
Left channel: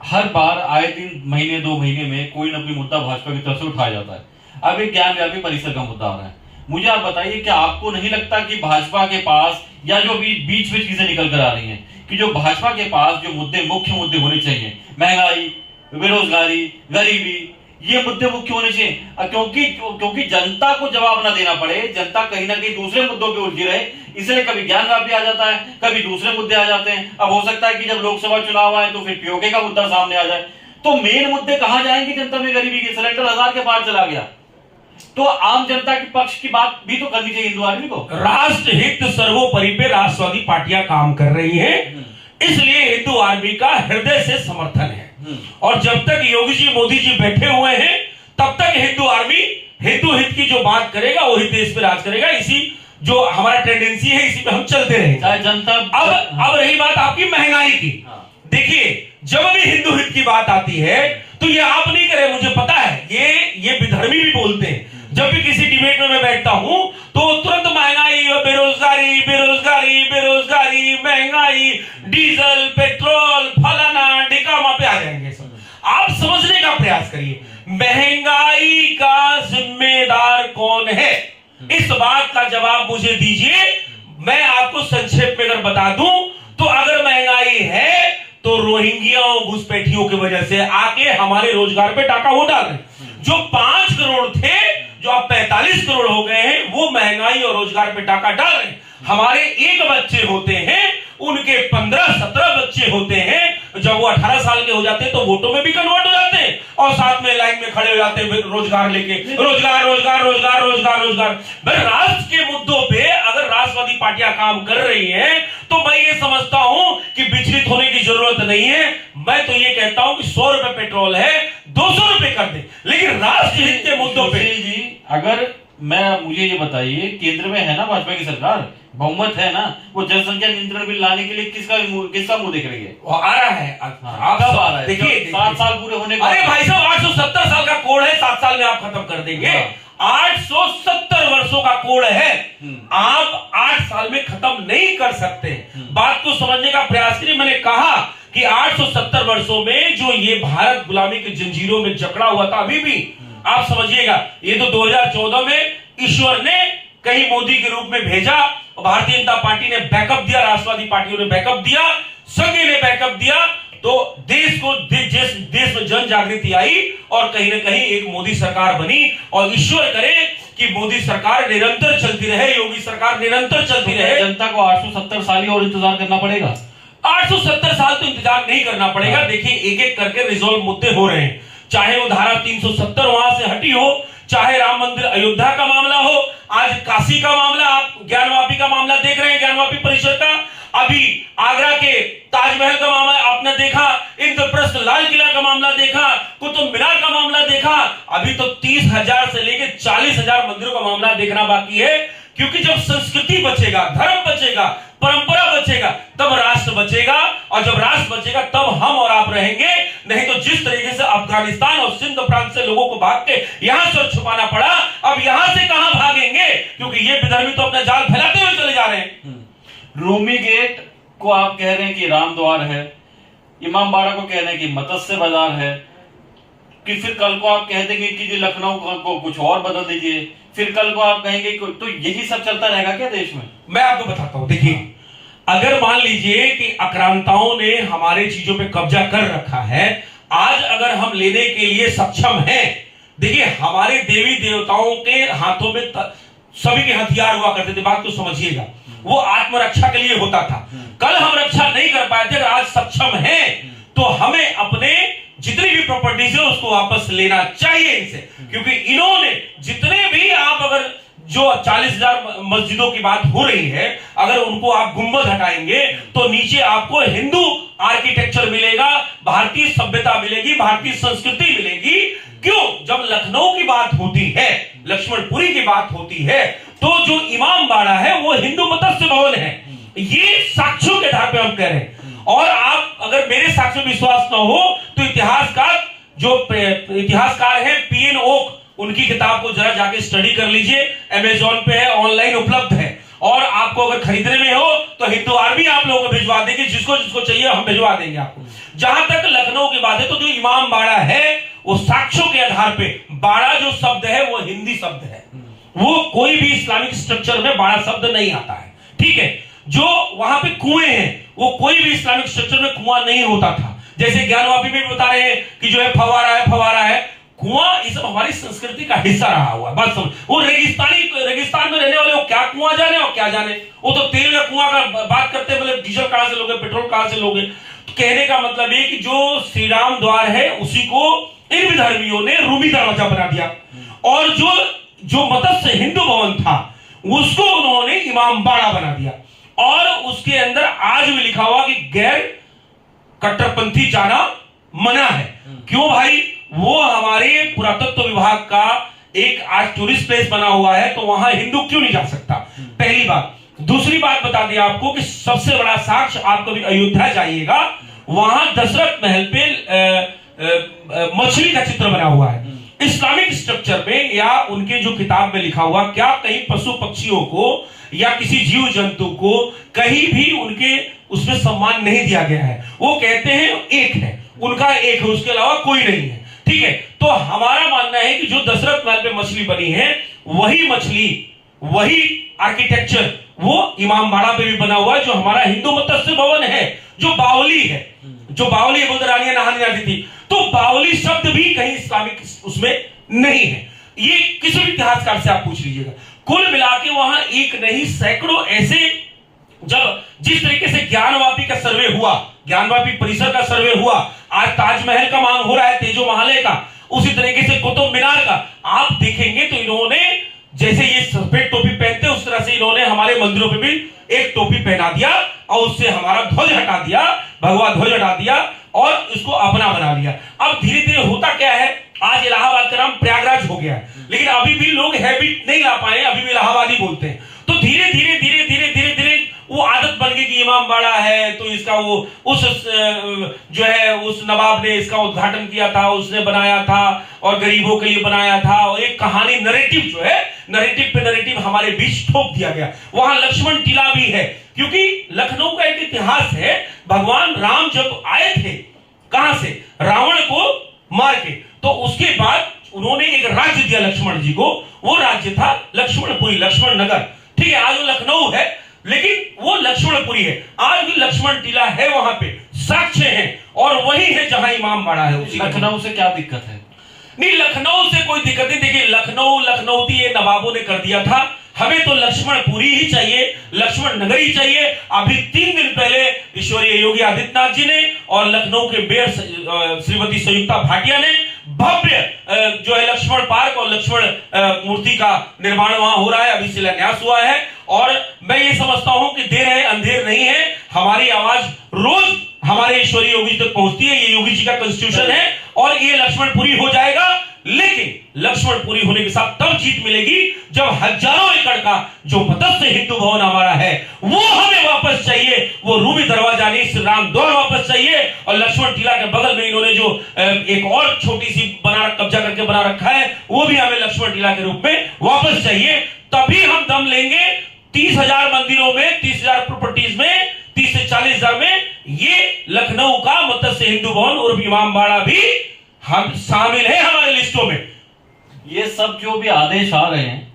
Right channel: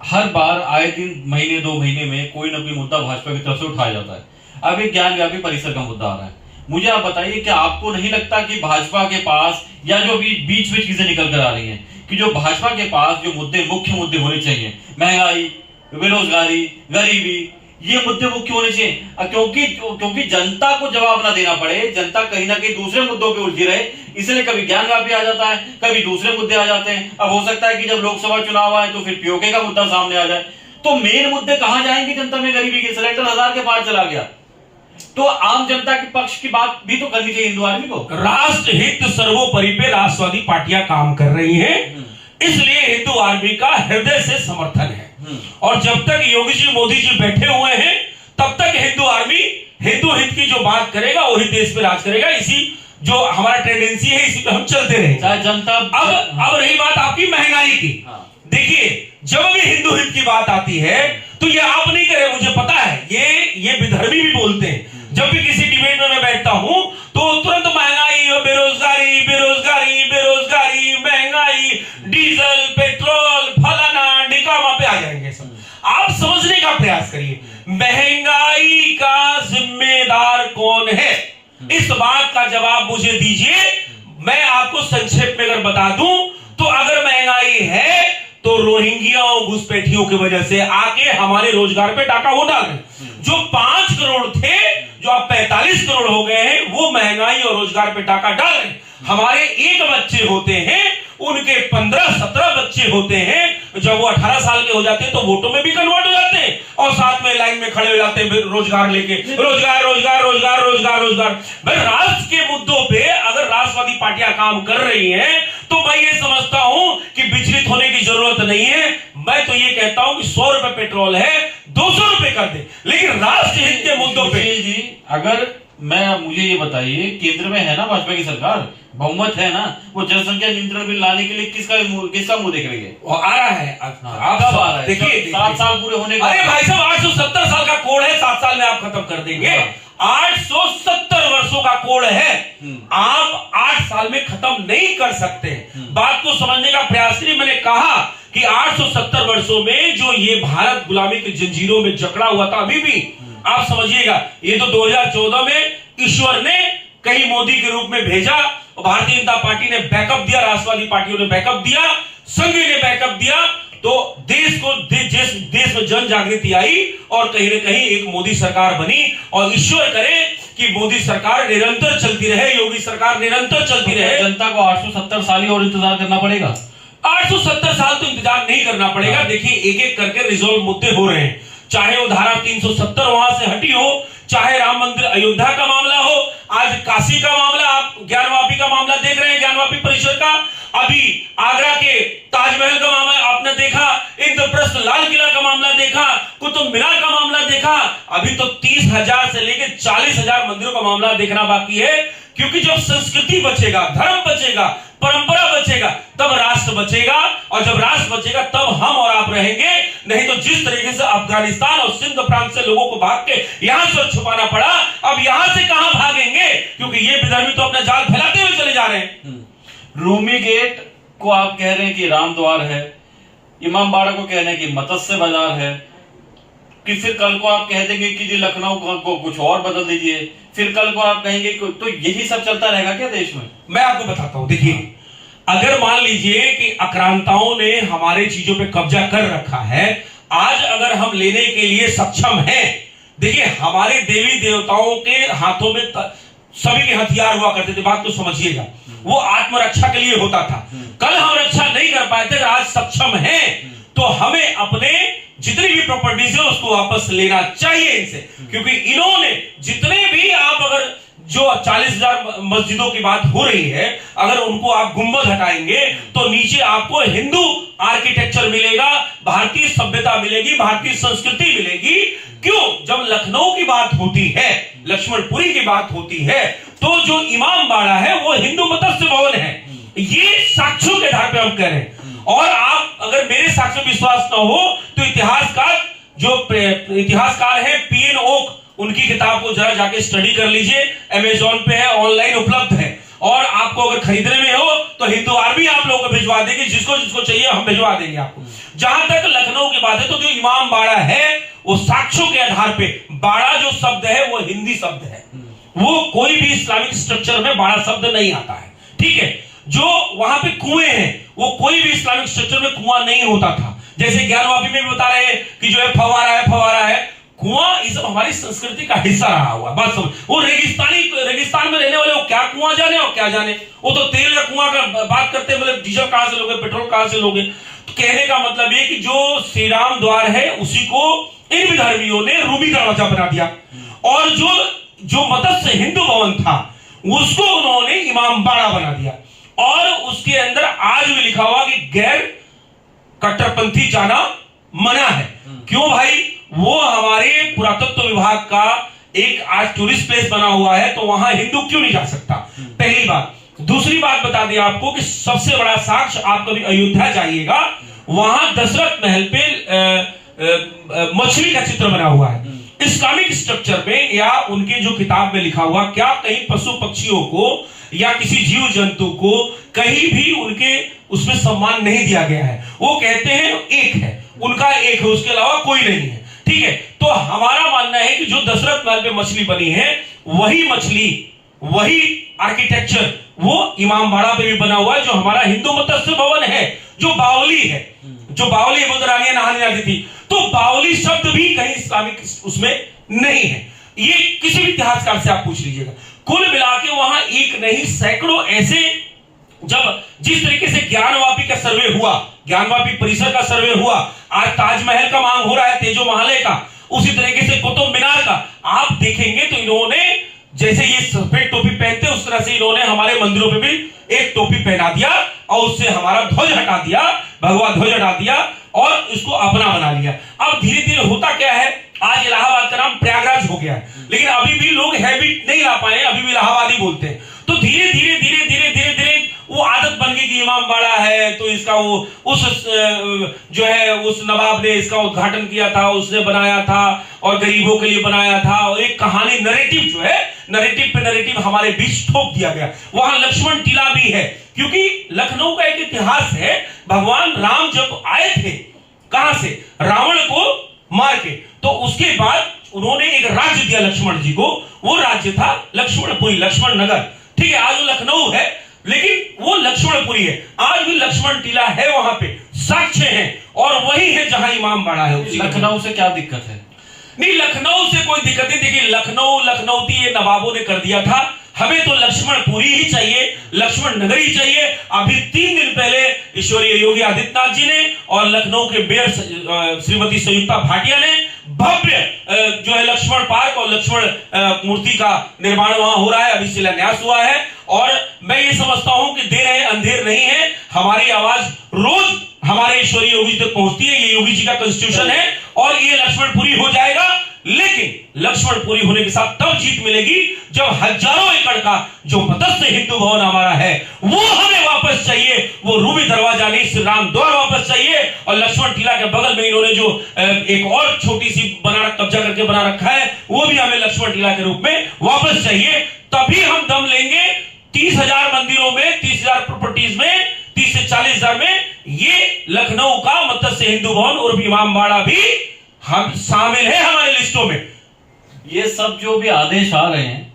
हर बार आए दिन महीने 2 महीने में कोई ना कोई मुद्दा भाजपा की तरफ से उठाया जाता है। अब एक ज्ञानव्यापी परिसर का मुद्दा आ रहा है। मुझे आप बताइए, क्या आपको नहीं लगता कि भाजपा के पास, या जो भी बीच में चीजें निकल कर आ रही हैं, कि जो भाजपा के पास जो मुद्दे, मुख्य मुद्दे होने चाहिए, महंगाई, बेरोजगारी, गरीबी, ये मुद्दे मुख्य होने चाहिए, क्योंकि जनता को जवाब ना देना पड़े, जनता कहीं ना कहीं दूसरे मुद्दों पे उलझी रहे, इसलिए कभी ज्ञानव्यापी आ जाता है, कभी दूसरे मुद्दे आ जाते हैं। अब हो सकता है कि जब लोकसभा चुनाव आए तो फिर पीओके का मुद्दा सामने आ जाए, तो मेन मुद्दे कहां जाएंगे? जनता में गरीबी के, सिलेंडर 1000 के पार चला गया, तो आम जनता के पक्ष की बात भी तो करनी चाहिए हिंदू आदमी को। राष्ट्र हित सर्वोपरि पे राष्ट्रवादी पार्टियां काम कर रही हैं, इसलिए हिंदू आर्मी का हृदय से समर्थन है। और जब तक योगी जी, मोदी जी बैठे हुए हैं, तब तक हिंदू आर्मी हिंदू हित की जो बात करेगा वही देश में राज करेगा। इसी जो हमारा टेंडेंसी है, इसी पे हम चलते रहेंगे। जनता अब रही बात आपकी महंगाई की, देखिए जब भी हिंदू हित की बात आती है तो ये आप नहीं करे, मुझे पता है, ये विधर्मी भी बोलते हैं। जब भी किसी डिबेट में मैं बैठता हूं तो तुरंत महंगाई, बेरोजगारी, बेरोजगारी, बेरोजगारी, महंगाई, डीजल, पेट्रोल, फलाना ढिकामा पे आ जाएंगे सब। आप समझने का प्रयास करिए, महंगाई का जिम्मेदार कौन है? इस बात का जवाब मुझे दीजिए। मैं आपको संक्षेप में अगर बता दूं तो अगर महंगाई है तो रोहिंग्या और घुसपैठियों की वजह से आके हमारे रोजगार पे डाका वो डाल रहे। जो 5 करोड़ थे, जो अब 45 करोड़ हो गए हैं, वो महंगाई और रोजगार पे डाका डाल रहे। हमारे 1 बच्चे होते हैं, उनके 15-17 बच्चे होते हैं। जब वो 18 साल के हो जाते हैं तो वोटों में भी कन्वर्ट हो जाते हैं और साथ में लाइन में खड़े हो जाते हैं रोजगार लेके, रोजगार रोजगार रोजगार रोजगार रोजगार। भाई राष्ट्र के मुद्दों पे अगर राष्ट्रवादी पार्टियां काम कर रही हैं तो मैं ये समझता हूं कि विचलित होने की जरूरत नहीं है। मैं तो ये कहता हूं कि 100 रुपए पेट्रोल है, 200 रुपए कर दे, लेकिन राष्ट्र हित के मुद्दों पे जी अगर मुझे ये बताइए, केंद्र में है ना भाजपा की सरकार, बहुमत है ना, वो जनसंख्या नियंत्रण बिल लाने के लिए किसका मुंह देख रही है? वो आ रहा है। आप कब आ रहा है? देखिए 7 साल पूरे होने का। अरे भाई साहब 870 साल का कोड है, 7 साल में आप खत्म कर देंगे। 870 वर्षों का कोड है, आप 8 साल में खत्म नहीं कर सकते। बात को समझने का प्रयास करिए। मैंने कहा कि 870 वर्षों में जो ये भारत गुलामी की जंजीरों में जकड़ा हुआ था, अभी भी आप समझिएगा, ये तो 2014 में ईश्वर ने कहीं मोदी के रूप में भेजा, भारतीय जनता पार्टी ने बैकअप दिया, राष्ट्रवादी पार्टियों ने बैकअप दिया, संघ ने बैकअप दिया, तो देश में जन जागृति आई और कहीं ना कहीं एक मोदी सरकार बनी। और ईश्वर करे कि मोदी सरकार निरंतर चलती रहे, योगी सरकार निरंतर चलती रहे। जनता को 870 साल ही और इंतजार करना पड़ेगा? 870 साल तो इंतजार नहीं करना पड़ेगा। देखिए एक एक करके रिजोल्व मुद्दे हो रहे हैं, चाहे वो धारा 370 वहां से हटी हो, चाहे राम मंदिर अयोध्या का मामला हो, आज काशी का मामला, आप ज्ञानवापी का मामला देख रहे हैं, ज्ञानवापी परिषद का, अभी आगरा के ताजमहल का मामला आपने देखा, इंद्रप्रस्थ लाल किला का मामला देखा, कुतुब मीनार का मामला देखा, अभी तो 30,000 से लेकर 40,000 मंदिरों का मामला देखना बाकी है। क्योंकि जब संस्कृति बचेगा, धर्म बचेगा, परंपरा बचेगा, तब राष्ट्र बचेगा, और जब राष्ट्र बचेगा तब हम और आप रहेंगे। नहीं तो जिस तरीके से अफगानिस्तान और सिंध प्रांत से लोगों को भाग के यहां से छुपाना पड़ा, अब यहां से कहां भागेंगे? क्योंकि ये विधर्मी तो अपना जाल फैलाते हुए चले जा रहे हैं। रूमी गेट को आप कह रहे हैं कि राम द्वार है, इमामबाड़ा को कह रहे हैं कि मत्स्य बाजार है, कि फिर कल को आप कह देंगे कि जी लखनऊ को कुछ और बदल दीजिए, फिर कल को आप कहेंगे तो यही सब चलता रहेगा क्या देश में? मैं आपको बताता हूं, देखिए अगर मान लीजिए कि आक्रांताओं ने हमारे चीजों पे कब्जा कर रखा है, आज अगर हम लेने के लिए सक्षम हैं, देखिए हमारे देवी देवताओं के हाथों में सभी के हथियार हुआ करते थे, बात तो समझिएगा, वो आत्मरक्षा के लिए होता था। कल हम रक्षा नहीं कर पाए थे, आज सक्षम हैं, तो हमें अपने जितनी भी प्रॉपर्टीज है उसको वापस लेना चाहिए इनसे। क्योंकि इन्होंने जितने भी, आप अगर जो 40,000 मस्जिदों की बात हो रही है, अगर उनको आप गुंबद हटाएंगे तो नीचे आपको हिंदू आर्किटेक्चर मिलेगा, भारतीय सभ्यता मिलेगी, भारतीय संस्कृति मिलेगी। क्यों? जब लखनऊ की बात होती है, लक्ष्मणपुरी की बात होती है, तो जो इमाम बाड़ा है वो हिंदू मत्स्य भवन है। ये साक्ष्यों के आधार पे हम कह रहे हैं। और आप अगर मेरे साक्ष्य विश्वास न हो तो इतिहासकार है पीएन ओक, उनकी किताब को जरा जाके स्टडी कर लीजिए, अमेजोन पे है, ऑनलाइन उपलब्ध है। और आपको अगर खरीदने में हो तो हिंदुवार भी आप लोगों को भिजवा देंगे, जिसको जिसको चाहिए हम भिजवा देंगे आपको। जहां तक लखनऊ की बात है, तो जो इमाम बाड़ा है वो साक्ष्यों के आधार पे, बाड़ा जो शब्द है वो हिंदी शब्द है, वो कोई भी इस्लामिक स्ट्रक्चर में बाड़ा शब्द नहीं आता है, ठीक है। जो वहां पे कुएं हैं, वो कोई भी इस्लामिक स्ट्रक्चर में कुआं नहीं होता था। जैसे ज्ञानवापी में भी बता रहे हैं कि जो है फवारा है, कुआं ये सब हमारी संस्कृति का हिस्सा रहा हुआ। बात समझ, वो रेगिस्तान में रहने वाले वो क्या कुआं जाने और क्या जाने, वो तो तेल का कुआं का बात करते हैं, मतलब डीजल कहां से लोगे, पेट्रोल कहां से लोगे। तो कहने का मतलब ये कि जो श्री राम द्वार है उसी को इन विधर्मियों ने रूमी दरवाजा बना दिया, और जो मत्स्य हिंदू भवन था उसको उन्होंने इमाम बाड़ा बना दिया। और उसके अंदर आज भी लिखा हुआ कि गैर कट्टरपंथी जाना मना है। क्यों भाई? वो हमारे पुरातत्व विभाग का एक आज टूरिस्ट प्लेस बना हुआ है, तो वहां हिंदू क्यों नहीं जा सकता? पहली बात। दूसरी बात बता दें आपको कि सबसे बड़ा साक्ष्य, आप कभी अयोध्या जाइएगा, वहां दशरथ महल पे मछली का चित्र बना हुआ है। इस्लामिक स्ट्रक्चर में या उनके जो किताब में लिखा हुआ, क्या कहीं पशु पक्षियों को या किसी जीव जंतु को कहीं भी उनके उसमें सम्मान नहीं दिया गया है? वो कहते हैं एक है, उनका एक है, उसके अलावा कोई नहीं है, ठीक है। तो हमारा मानना है कि जो दशरथ महल पे मछली बनी है, वही मछली, वही आर्किटेक्चर वो इमाम बाड़ा पे भी बना हुआ है, जो हमारा हिंदू मत्स्य भवन है, जो बावली है, जो बावली बुद्ध नहाने जाती थी, तो बावली शब्द भी कहीं इस्लामिक उसमें नहीं है। ये किसी भी इतिहासकार से आप पूछ लीजिएगा। कुल मिला के वहां एक नहीं सैकड़ों ऐसे, जब जिस तरीके से ज्ञानवापी का सर्वे हुआ, ज्ञानवापी परिसर का सर्वे हुआ, आज ताजमहल का मांग हो रहा है, तेजो महालय का, उसी तरीके से कुतुब मीनार का आप देखेंगे तो इन्होंने जैसे ये सफेद टोपी पहनते उस तरह से इन्होंने हमारे मंदिरों पे भी एक टोपी पहना दिया और उससे हमारा ध्वज हटा दिया, भगवा ध्वज हटा दिया और इसको अपना बना लिया। अब धीरे धीरे होता क्या है, आज इलाहाबाद का नाम प्रयागराज हो गया है, लेकिन अभी भी लोग हैबिट नहीं ला पाए, अभी भी इलाहाबादी बोलते हैं। तो धीरे धीरे वो आदत बन गई कि इमाम बाड़ा है तो इसका वो उस जो है उस नवाब ने इसका उद्घाटन किया था, उसने बनाया था और गरीबों के लिए बनाया था, और एक कहानी नरेटिव जो है, नरेटिव पे नरेटिव हमारे बीच ठोक दिया गया। वहां लक्ष्मण टीला भी है, क्योंकि लखनऊ का एक इतिहास है, भगवान राम जब आए थे कहां से, रावण को मार के, तो उसके बाद उन्होंने एक राज्य दिया लक्ष्मण जी को, वो राज्य था लक्ष्मणपुरी, लक्ष्मण नगर, ठीक है। आज वो लखनऊ है लेकिन वो लक्ष्मणपुरी है, आज भी लक्ष्मण टीला है, वहां पे साक्ष्य है, और वही है जहां इमाम बाड़ा है। लखनऊ से क्या दिक्कत है? नहीं, लखनऊ से कोई दिक्कत नहीं। देखिए लखनऊती ये नवाबों ने कर दिया था, हमें तो लक्ष्मणपुरी ही चाहिए, लक्ष्मण नगर ही चाहिए। अभी 3 दिन पहले ईश्वरीय योगी आदित्यनाथ जी ने और लखनऊ के मेयर श्रीमती संयुक्ता भाटिया ने भव्य जो है लक्ष्मण पार्क और लक्ष्मण मूर्ति का निर्माण वहां हो रहा है, अभी शिलान्यास हुआ है। और मैं ये समझता हूं कि देर है अंधेर नहीं है, हमारी आवाज रोज हमारे ईश्वरीय योगी जी तक पहुंचती है, ये योगी जी का कॉन्स्टिट्यूशन है और ये लक्ष्मणपुरी हो जाएगा। लेकिन लक्ष्मणपुरी होने के साथ तब जीत मिलेगी जब हजारों एकड़ का जो मत्स्य हिंदू भवन हमारा है वो हमें वापस चाहिए, वो रूमी दरवाजा नहीं, श्री राम द्वार वापस चाहिए। और लक्ष्मण टीला के बगल में इन्होंने जो एक और छोटी सी कब्जा करके बना रखा है, वो भी हमें लक्ष्मण टीला के रूप में वापस चाहिए। तभी हम दम लेंगे 30,000 मंदिरों में, 30,000 प्रॉपर्टीज में, 30 से 40,000 में ये लखनऊ का मत्स्य हिंदू भवन और इमाम बाड़ा भी हम शामिल है हमारे लिस्टों में। ये सब जो भी आदेश आ रहे हैं,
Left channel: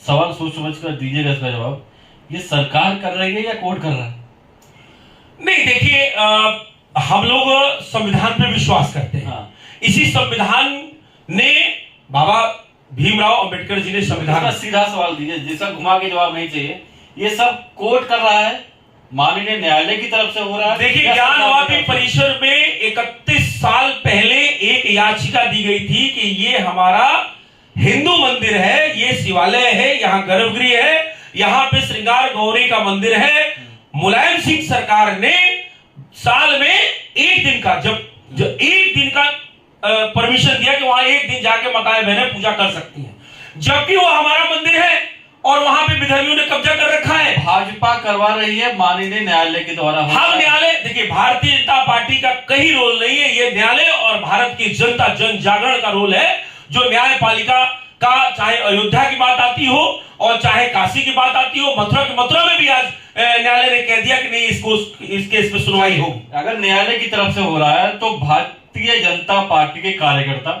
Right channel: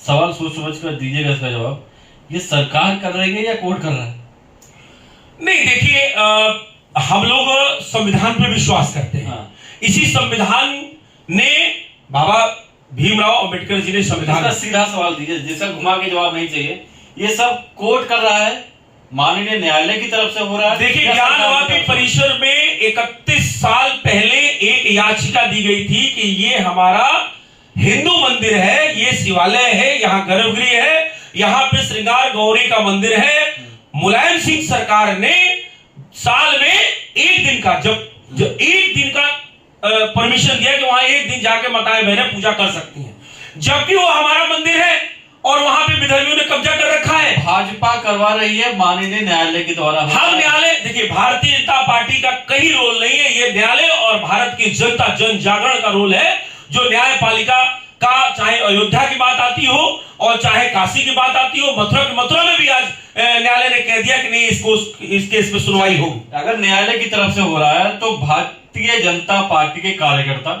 सवाल सोच समझ कर दीजिएगा इसका जवाब, ये सरकार कर रही है या कोर्ट कर रहा है? नहीं, देखिए हम लोग संविधान पे विश्वास करते हैं। हाँ। इसी संविधान ने बाबा भीमराव अंबेडकर जी ने संविधान, सीधा सवाल दीजिए जिसका घुमा के जवाब नहीं चाहिए, ये सब कोर्ट कर रहा है, माननीय न्यायालय की तरफ से हो रहा है? देखिए ज्ञानवापी परिसर में 31 साल पहले एक याचिका दी गई थी कि ये हमारा हिंदू मंदिर है, ये शिवालय है, यहाँ गर्भगृह है, यहाँ पे श्रृंगार गौरी का मंदिर है। मुलायम सिंह सरकार ने साल में एक दिन का, जब एक दिन का परमिशन दिया कि वहां एक दिन जाके माताएं बहनें पूजा कर सकती हैं, जबकि वो हमारा मंदिर है और वहां पे विधर्मियों ने कब्जा कर रखा है। भाजपा करवा रही है माननीय न्यायालय के द्वारा। हम न्यायालय, देखिए भारतीय जनता पार्टी का कहीं रोल नहीं है, ये न्यायालय और भारत की जनता जन जागरण का रोल है। जो न्यायपालिका का, चाहे अयोध्या की बात आती हो और चाहे काशी की बात आती हो, मथुरा में भी आज न्यायालय ने कह दिया कि नहीं, इस केस में सुनवाई होगी। अगर न्यायालय की तरफ से हो रहा है तो भारतीय जनता पार्टी के कार्यकर्ता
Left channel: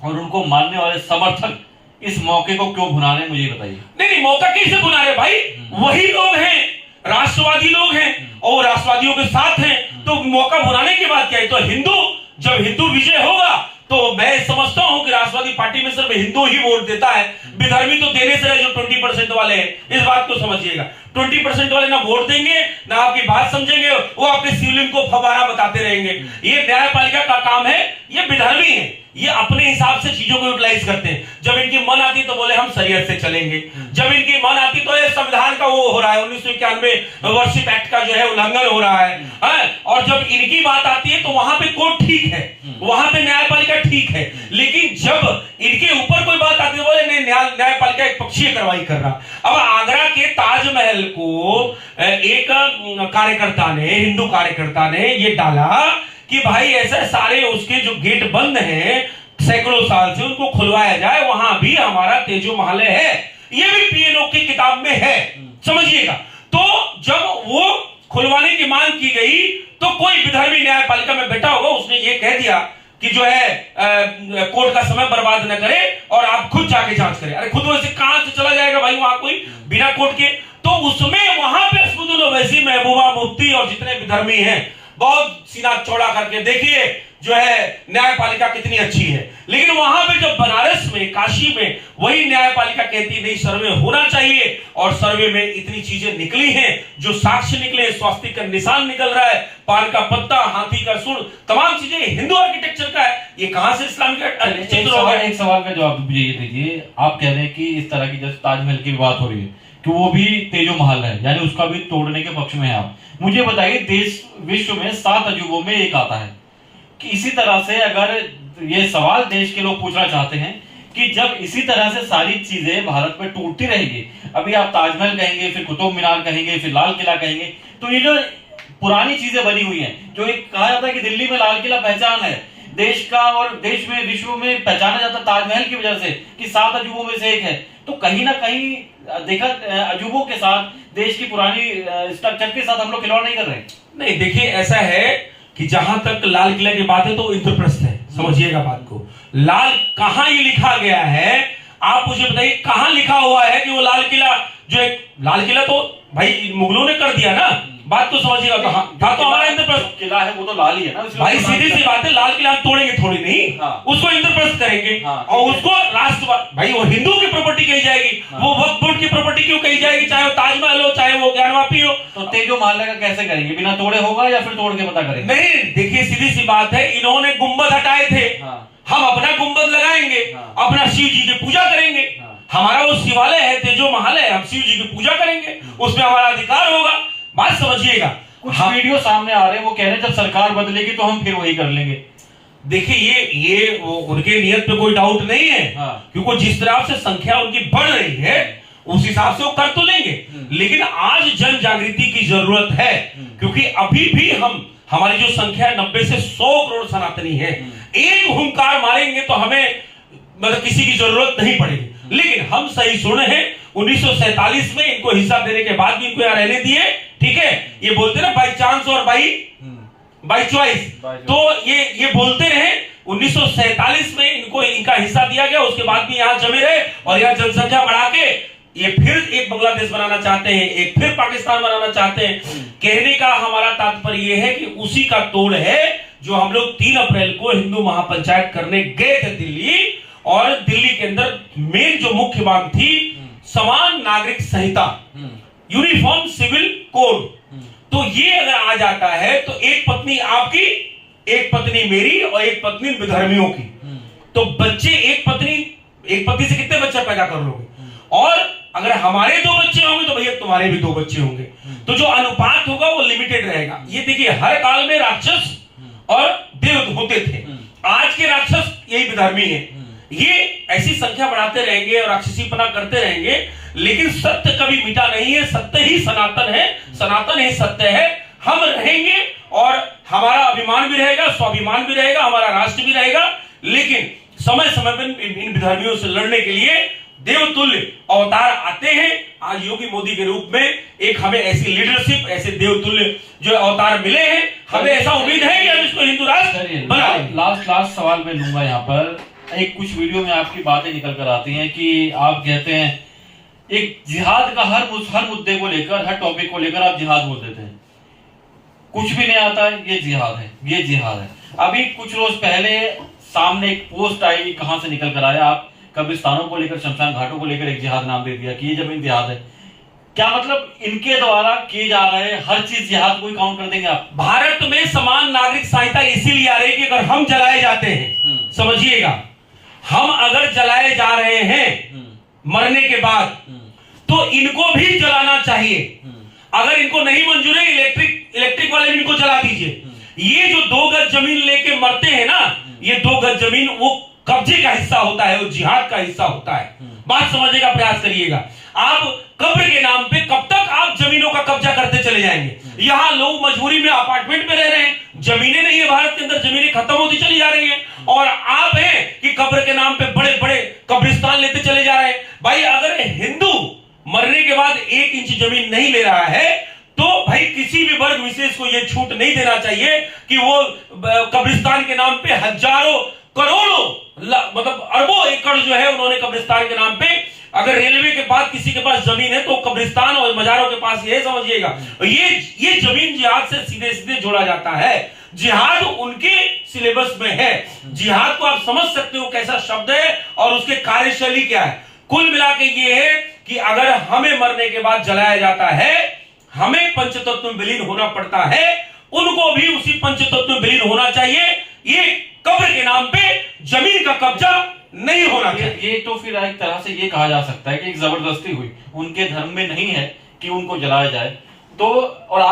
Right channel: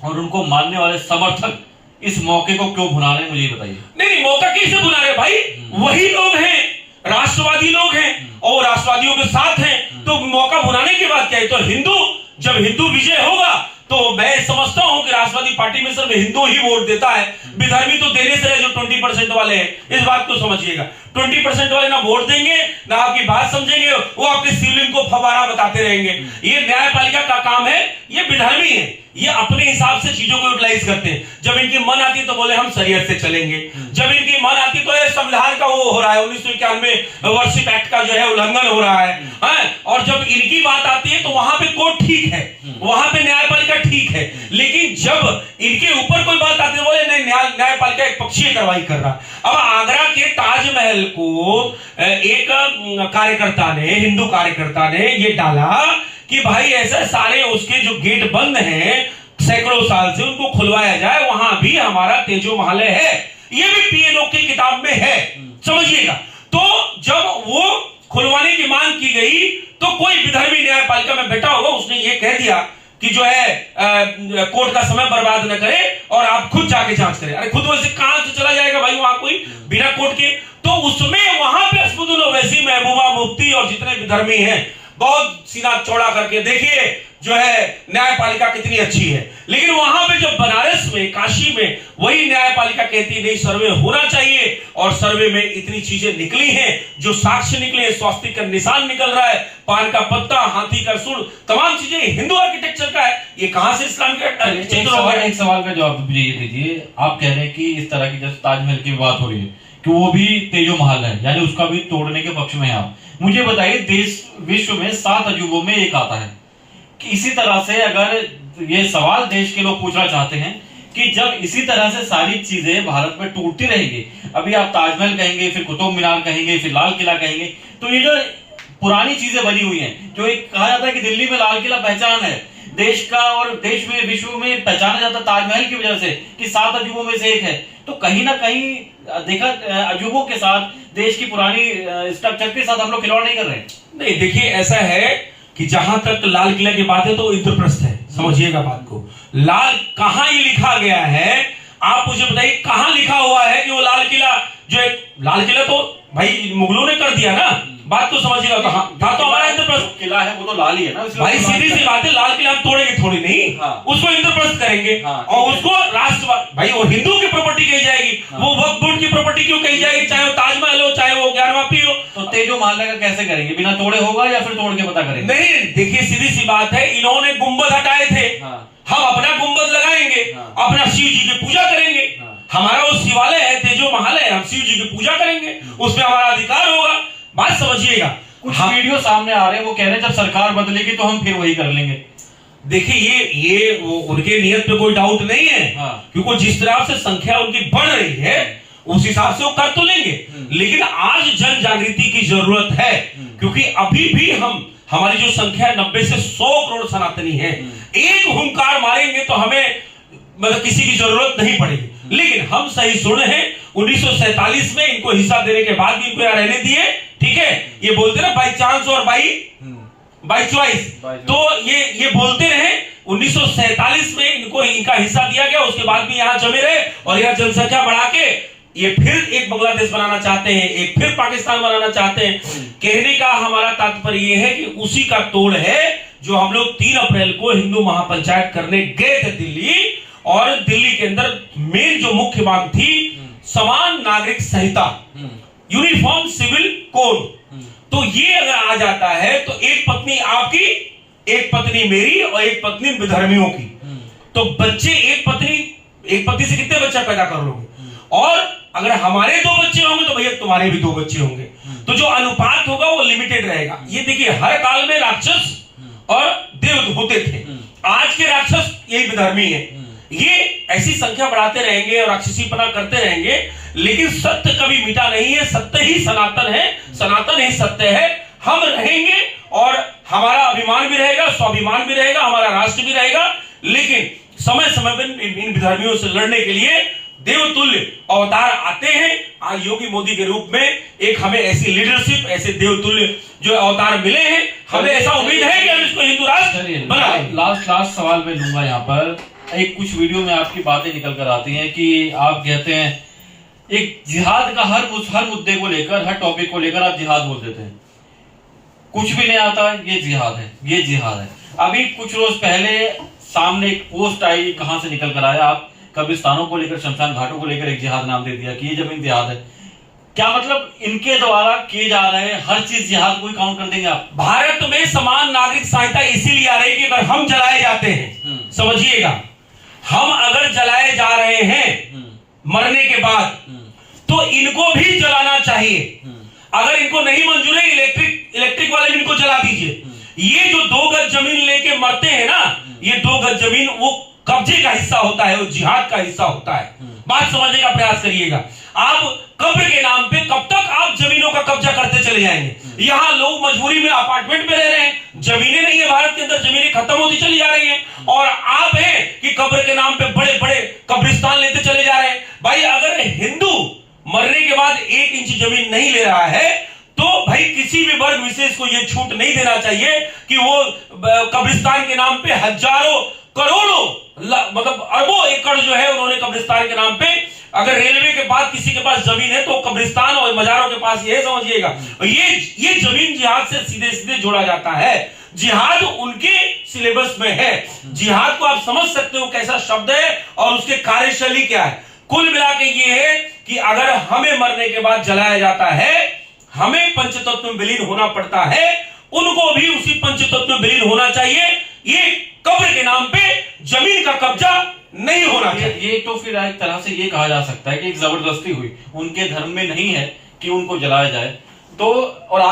और उनको मानने वाले समर्थक इस मौके को क्यों भुना रहे हैं, मुझे बताइए। नहीं, मौका कैसे भुना रहे भाई? वही लोग हैं, राष्ट्रवादी लोग हैं और राष्ट्रवादियों के साथ हैं, तो मौका भुनाने की बात क्या है? तो जब हिंदू विजय होगा तो मैं समझता हूं कि राष्ट्रवादी पार्टी में सिर्फ हिंदू ही वोट देता है, विधर्मी तो देने से जो 20% वाले हैं, इस बात को समझिएगा। 20% वाले ना वोट देंगे ना आपकी बात समझेंगे, वो अपने शिवलिंग को फवारा बताते रहेंगे। ये न्यायपालिका का काम है, ये विधर्मी है, ये अपने हिसाब से चीजों को यूटिलाइज करते हैं। जब इनकी मन आती है तो बोले हम शरीयत से चलेंगे, जब इनकी मन आती तो ये संविधान का वो हो रहा है, 1991 वर्षिप एक्ट का जो है उल्लंघन हो रहा है। और जब इनकी बात आती है तो वहां पे कोर्ट ठीक है, वहां पे न्यायपालिका ठीक है, लेकिन जब इनके ऊपर कोई बात आती है बोले नहीं, न्यायपालिका एक पक्षीय कार्रवाई कर रहा है। अब आगरा के ताजमहल को एक कार्यकर्ता ने, हिंदू कार्यकर्ता ने ये डाला कि भाई ऐसा सारे उसके जो गेट बंद हैं सैकड़ों साल से, उनको खुलवाया जाए, वहां भी हमारा तेजो महालय है, ये भी पीएनओ की किताब में है, समझिएगा। तो जब वो खुलवाने की मांग की गई तो कोई विधर्मी न्यायपालिका में बैठा होगा, उसने ये कह दिया कि जो है कोर्ट का समय बर्बाद न करे और आप खुद जाके जांच करें। अरे खुद वैसे कहां से चला जाएगा भाई वहां कोई बिना कोर्ट के? तो उसमें वहां पे असदुद्दीन ओवैसी, महबूबा मुफ्ती और जितने विधर्मी हैं बहुत सीना चौड़ा करके देखिए जो है न्यायपालिका कितनी अच्छी है। लेकिन वहां पे जब बनारस में, काशी में वही न्यायपालिका कहती नहीं सर्वे होना चाहिए, और सर्वे में इतनी चीजें निकली हैं, जो साक्ष्य निकले, स्वास्तिक का निशान निकल रहा है, पान का पत्ता, हाथी का सूंड, तमाम चीजें हिंदू आर्किटेक्चर का है, ये कहां से इस्लामिक आर्किटेक्चर हो गया? एक सवाल का जवाब मुझे ये दीजिए। आप कह रहे हैं कि इस तरह की जैसे ताजमहल की बात हो रही है कि वो भी तेजो महल है, यानी उसका भी तोड़ने के पक्ष में है आप। मुझे बताइए, देश विश्व में 7 अजूबों में एक आता है कि इसी तरह से अगर ये सवाल देश के लोग पूछना चाहते हैं कि जब इसी तरह से सारी चीजें भारत में टूटती रहेंगी, अभी आप ताजमहल कहेंगे, फिर कुतुब मीनार कहेंगे, फिर लाल किला कहेंगे, तो ये जो पुरानी चीजें बनी हुई हैं, जो एक कहा जाता है कि दिल्ली में लाल किला पहचान है देश का और देश में विश्व में पहचाना जाता ताजमहल की वजह से कि 7 अजूबों में से एक है, तो कहीं ना कहीं देखा अजूबों के साथ, देश की पुरानी स्ट्रक्चर के साथ हम लोग खिलवाड़ नहीं कर रहे हैं? नहीं, देखिए ऐसा है कि जहां तक लाल किला की बात है तो इंद्रप्रस्थ है, समझिएगा बात को। लाल कहां ये लिखा गया है, आप मुझे बताइए कहां लिखा हुआ है कि वो लाल किला, जो एक लाल किला तो भाई मुगलों ने कर दिया ना, बात तो समझिएगा। कहां तो हमारा इंद्रप्रस्थ किला है, वो तो लाल ही है ना भाई, सीधी सी बात है, लाल किला हम तोड़ेंगे थोड़ी नहीं, उसको इंद्रप्रस्थ करेंगे और उसको राष्ट्रवाद, भाई वो हिंदू की प्रॉपर्टी कही जाएगी, वो वक्फ बोर्ड की प्रॉपर्टी क्यों कही जाएगी, चाहे वो ताजमहल हो, चाहे वो ज्ञानवापी हो। तो तेजो महल का कैसे करेंगे? बिना तोड़े होगा या फिर तोड़ के पता करेंगे? नहीं, देखिए सीधी सी बात है, इन्होंने गुंबद हटाए थे, हम अपना गुंबद लगाएंगे, अपना शिव जी की पूजा करेंगे, हमारा वो शिवालय है, तेजो महल है, हम शिव जी की पूजा करेंगे, उसमें हमारा अधिकार होगा। बात समझिएगा। कुछ वीडियो सामने आ रहे हैं, वो कह रहे हैं जब सरकार बदलेगी तो हम फिर वही कर लेंगे। देखिए ये उनके नियत पे कोई डाउट नहीं है, क्योंकि जिस तरह से संख्या उनकी बढ़ रही है उस हिसाब से वो कर तो लेंगे, लेकिन आज जन जागृति की जरूरत है, क्योंकि अभी भी हमारी जो संख्या 90 से 100 करोड़ सनातनी है, एक हुंकार मारेंगे तो हमें मतलब किसी की जरूरत नहीं पड़ेगी। लेकिन हम सही सुने हैं, 1947 में इनको हिस्सा देने के बाद भी इनको यहाँ रहने दिए, ठीक है। ये बोलते ना बाई चांस और बाई चॉइस, तो ये बोलते रहे। 1947 में इनको इनका हिस्सा दिया गया, उसके बाद भी यहाँ जमे रहे और यहाँ जनसंख्या बढ़ा के ये फिर एक बांग्लादेश बनाना चाहते हैं, एक फिर पाकिस्तान बनाना चाहते हैं। कहने का हमारा तात्पर्य यह है कि उसी का तोड़ है जो हम लोग 3 अप्रैल को हिंदू महापंचायत करने गए थे दिल्ली, और दिल्ली के अंदर मेन जो मुख्य मांग थी समान नागरिक संहिता, यूनिफॉर्म सिविल कोड। तो ये अगर आ जाता है तो एक पत्नी आपकी, एक पत्नी मेरी और एक पत्नी विधर्मियों की, तो बच्चे एक पत्नी से कितने बच्चे पैदा कर लोगे? और अगर हमारे 2 बच्चे होंगे तो भैया तुम्हारे भी 2 बच्चे होंगे, तो जो अनुपात होगा वो लिमिटेड रहेगा। ये देखिए हर काल में राक्षस और देव होते थे, आज के राक्षस यही विधर्मी है। ये ऐसी संख्या बढ़ाते रहेंगे और राक्षसीपना करते रहेंगे, लेकिन सत्य कभी मिटा नहीं है। सत्य ही सनातन है, सनातन ही सत्य है। हम रहेंगे और हमारा अभिमान भी रहेगा, स्वाभिमान भी रहेगा, हमारा राष्ट्र भी रहेगा। लेकिन समय समय पर इन विधर्मियों से लड़ने के लिए देवतुल्य अवतार आते हैं। आज योगी मोदी के रूप में एक हमें ऐसी लीडरशिप, ऐसे देवतुल्य जो अवतार मिले हैं, हमें ऐसा उम्मीद है कि हम इसको हिंदू राष्ट्र बनाएं। लास्ट सवाल मैं लूंगा यहाँ पर। एक कुछ वीडियो में आपकी बातें निकल कर आती हैं कि आप कहते हैं एक जिहाद का हर मुद्दे को लेकर, हर टॉपिक को लेकर आप जिहाद बोल देते हैं। कुछ भी नहीं आता है, ये जिहाद है, ये जिहाद है। अभी कुछ रोज पहले सामने एक पोस्ट आई, कहां से निकल कर आया, आप कब्रिस्तानों को लेकर, शमशान घाटों को लेकर एक जिहाद नाम दे दिया कि ये जमीन जिहाद है। क्या मतलब इनके द्वारा किए जा रहे हर चीज जिहाद को ही काउंट कर देंगे आप? भारत में समान नागरिक संहिता इसीलिए आ रही है कि अगर हम जलाए जाते हैं, समझिएगा, हम अगर जलाए जा रहे हैं मरने के बाद, तो इनको भी जलाना चाहिए। अगर इनको नहीं मंजूर है, इलेक्ट्रिक वाले भी इनको जला दीजिए। ये जो 2 गज जमीन लेके मरते हैं ना, ये 2 गज जमीन वो कब्जे का हिस्सा होता है, वो जिहाद का हिस्सा होता है। बात समझने का प्रयास करिएगा। आप कब्र के नाम पे कब तक आप जमीनों का कब्जा करते चले जाएंगे? यहाँ लोग मजबूरी में अपार्टमेंट में रह रहे हैं, जमीनें नहीं है भारत के अंदर, जमीनें खत्म होती चली जा रही हैं, और आप हैं कि कब्र के नाम पे बड़े बड़े कब्रिस्तान लेते चले जा रहे हैं। भाई अगर हिंदू मरने के बाद 1 इंच जमीन नहीं ले रहा है, तो भाई किसी भी वर्ग विशेष को यह छूट नहीं देना चाहिए कि वो कब्रिस्तान के नाम पे हजारों करोड़ों मतलब अरबों एकड़ जो है उन्होंने कब्रिस्तान के नाम पे, अगर रेलवे के बाद किसी के पास जमीन है तो कब्रिस्तान और मजारों के पास ये समझिएगा, ये जमीन जिहाद से सीधे सीधे जोड़ा जाता है। जिहाद उनके सिलेबस में है। जिहाद को आप समझ सकते हो कैसा शब्द है और उसके कार्यशैली क्या है। कुल मिला के ये है कि अगर हमें मरने के बाद जलाया जाता है, हमें पंचतत्व में विलीन होना पड़ता है, उनको भी उसी पंचतत्व में विलीन होना चाहिए। ये कब्र के नाम पे जमीन का कब्जा नहीं होना चाहिए। ये तो फिर एक तरह से ये कहा जा सकता है कि एक जबरदस्ती हुई, उनके धर्म में नहीं है कि उनको जलाया जाए, तो और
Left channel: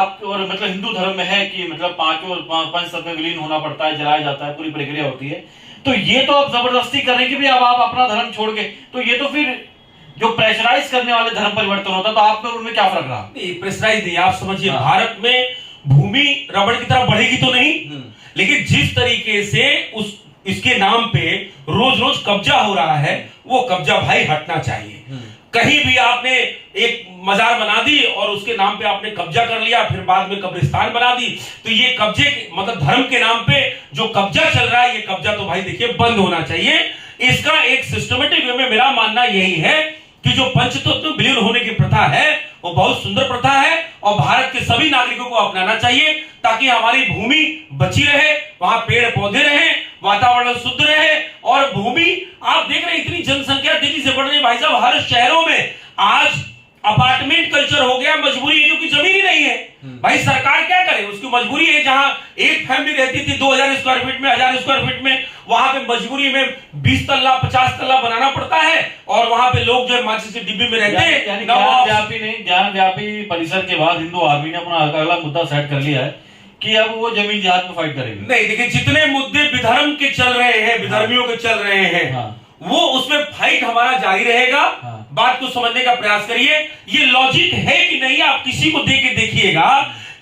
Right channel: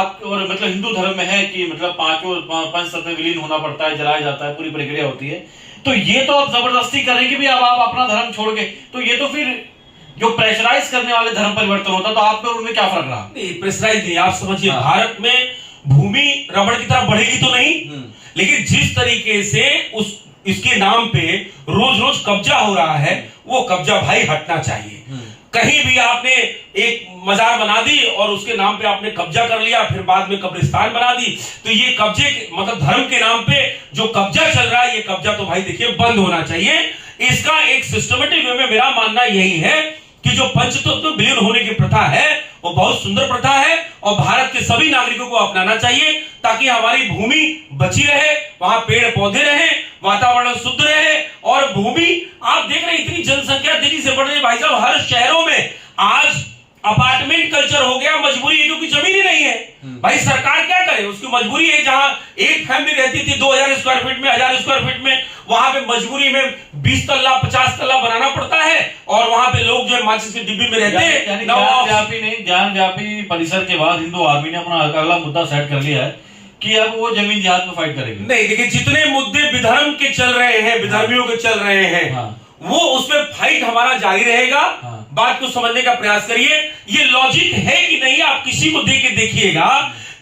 मतलब हिंदू धर्म में है कि मतलब पंच तत्व में विलीन होना पड़ता है, जलाया जाता है, पूरी प्रक्रिया होती है। तो ये तो आप जबरदस्ती कर रहे हैं कि भी अब आप अपना धर्म छोड़ के, तो ये तो फिर जो प्रेशराइज करने वाले धर्म परिवर्तन होता, तो आप में उनमें क्या फर्क रहा? प्रेशराइज नहीं, आप समझिए, भारत में भूमि रबड़ की तरफ बढ़ेगी तो नहीं, लेकिन जिस तरीके से इसके नाम पे रोज रोज कब्जा हो रहा है, वो कब्जा भाई हटना चाहिए। कहीं भी आपने एक मजार बना दी और उसके नाम पे आपने कब्जा कर लिया, फिर बाद में कब्रिस्तान बना दी, तो ये कब्जे मतलब धर्म के नाम पे जो कब्जा चल रहा है, ये कब्जा तो भाई देखिए बंद होना चाहिए। इसका एक सिस्टमेटिक वे में मेरा मानना यही है कि जो पंचतत्व विलीन होने की प्रथा है वो बहुत सुंदर प्रथा है और भारत के सभी नागरिकों को अपनाना चाहिए, ताकि हमारी भूमि बची रहे, वहां पेड़ पौधे रहे, वातावरण शुद्ध रहे। और भूमि आप देख रहे हैं इतनी जनसंख्या तेजी से बढ़ रही है भाई साहब, हर शहरों में आज अपार्टमेंट कल्चर हो गया। मजबूरी है क्योंकि जमीन ही नहीं है। भाई सरकार क्या करे, उसकी मजबूरी है। जहां एक फैमिली रहती थी 2000 स्क्वायर फीट में, 1000 स्क्वायर फीट में, वहां पे मजबूरी में 20 तल्ला 50 तल्ला बनाना पड़ता है और वहां पे लोग जो है माचिस की डिब्बी में रहते हैं। ज्ञानव्यापी परिसर के बाद हिंदू आर्मी ने अपना अगला मुद्दा सेट कर लिया है कि अब वो जमीन जिहाद में फाइट करेगी। नहीं देखिए, जितने मुद्दे विधर्म के चल रहे हैं, विधर्मियों के चल रहे हैं, वो उसमें फाइट हमारा जारी रहेगा। बात को समझने का प्रयास करिए। ये लॉजिक है कि नहीं, आप किसी को देख के देखिएगा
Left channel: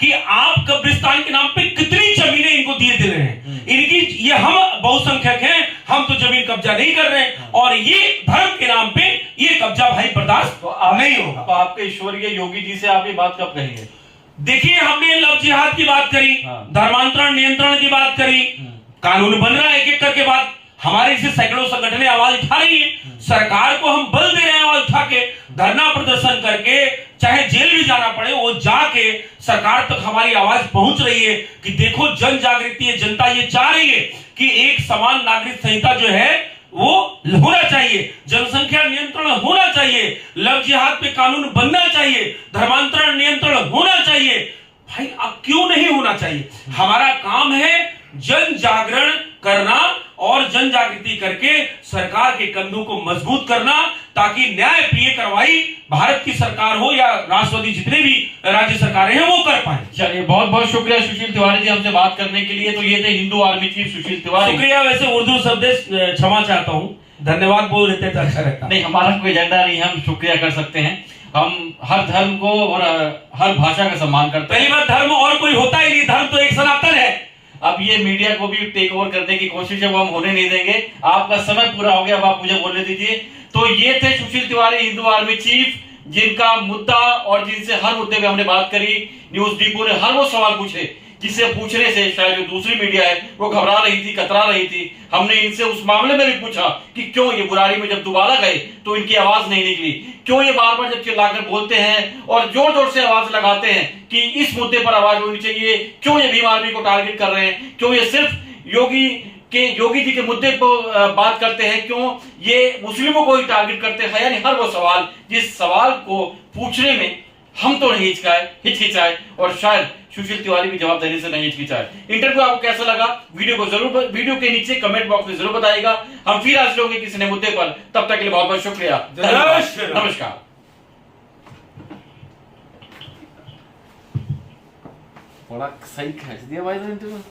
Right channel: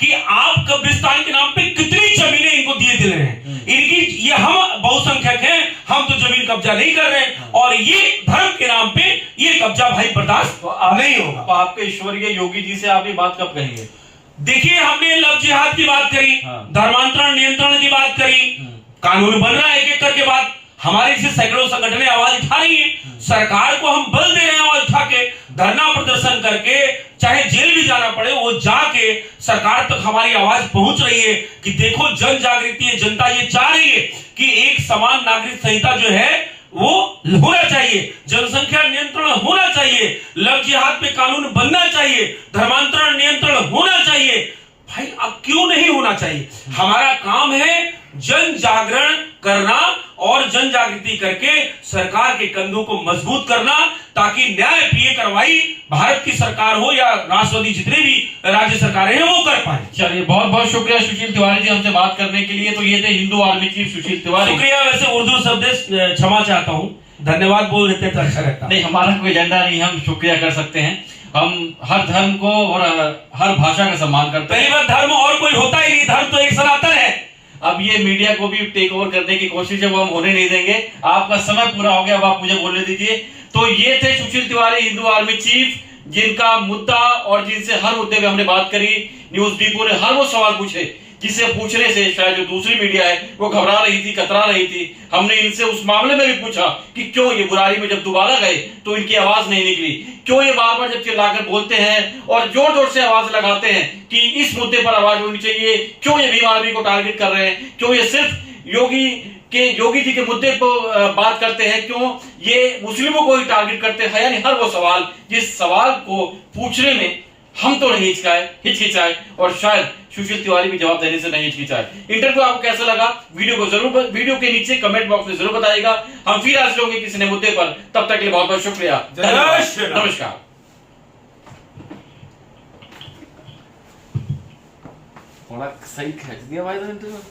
कि आप कब्रिस्तान के नाम पे कितनी जमीनें इनको दिए दे रहे हैं। इनकी ये हम बहुसंख्यक हैं, हम तो जमीन कब्जा नहीं कर रहे हैं, और ये धर्म के नाम पे ये कब्जा भाई बर्दाश्त नहीं होगा। तो आपके ईश्वरीय योगी जी से आप ये बात कब कहेंगे? देखिए, हमने लव जिहाद की बात करी, धर्मांतरण नियंत्रण की बात करी, कानून बन रहा है एक एक करके। बात हमारे से सैकड़ों संगठनें आवाज उठा रही है, सरकार को हम बल दे रहे हैं आवाज उठा के, धरना प्रदर्शन करके, चाहे जेल भी जाना पड़े वो जाके सरकार तक हमारी आवाज पहुंच रही है कि देखो जन जागृति है, जनता ये चाह रही है कि एक समान नागरिक संहिता जो है वो होना चाहिए, जनसंख्या नियंत्रण होना चाहिए, लव जिहाद पे कानून बनना चाहिए, धर्मांतरण नियंत्रण होना चाहिए। भाई अब क्यों नहीं होना चाहिए? हमारा काम है जन जागरण करना और जन जागृति करके सरकार के कंधों को मजबूत करना, ताकि न्याय प्रिय कार्रवाई भारत की सरकार हो या राष्ट्रवादी जितने भी राज्य सरकारें हैं वो कर पाए। चलिए, बहुत बहुत शुक्रिया सुशील तिवारी जी हमसे बात करने के लिए। तो ये थे हिंदू आर्मी चीफ सुशील तिवारी। शुक्रिया। वैसे उर्दू शब्द क्षमा चाहता हूँ, धन्यवाद बोल देते तो अच्छा रहता। नहीं, हमारा कोई एजेंडा नहीं, हम शुक्रिया कर सकते हैं। हम हर धर्म को और हर भाषा का सम्मान करते हैं। पहली बार धर्म और कोई होता ही नहीं, धर्म तो एक सनातन है। अब ये मीडिया को भी टेक ओवर करने की कोशिश है, वो हम होने नहीं देंगे। आपका समय पूरा हो गया, अब आप मुझे बोलने दीजिए। तो ये थे सुशील तिवारी, हिंदू आर्मी चीफ, जिनका मुद्दा और जिनसे हर मुद्दे पे हमने बात करी। न्यूज डिपो ने हर वो सवाल पूछे जिसे पूछने से शायद जो दूसरी मीडिया है वो घबरा रही थी, कतरा रही थी। हमने इनसे उस मामले में भी पूछा कि क्यों ये बुरारी में जब दोबारा गए तो इनकी आवाज नहीं निकली, क्यों ये बार बार जब चिल्लाकर बोलते हैं और जोर जोर से आवाज लगाते हैं कि इस मुद्दे पर आवाज होनी चाहिए, क्यों ये भीम आर्मी को टारगेट कर रहे हैं, क्यों ये सिर्फ योगी जी के मुद्दे पर बात करते हैं, क्यों ये मुस्लिमों को ही टारगेट करते हैं। यानी हर वो सवाल जिस सवाल को पूछने में हम तो नहीं हिचकिचाए और शायद सुशील तिवारी भी जवाब देने से नहीं हिचकिचाए। इंटरव्यू आपको कैसा लगा, वीडियो के नीचे कमेंट बॉक्स में जरूर बताइएगा। हम फिर आज लोगे किसी नए मुद्दे पर। तब तक के लिए बहुत बहुत शुक्रिया। नमस्कार। बड़ा सही खींच दिया भाई इंटरव्यू।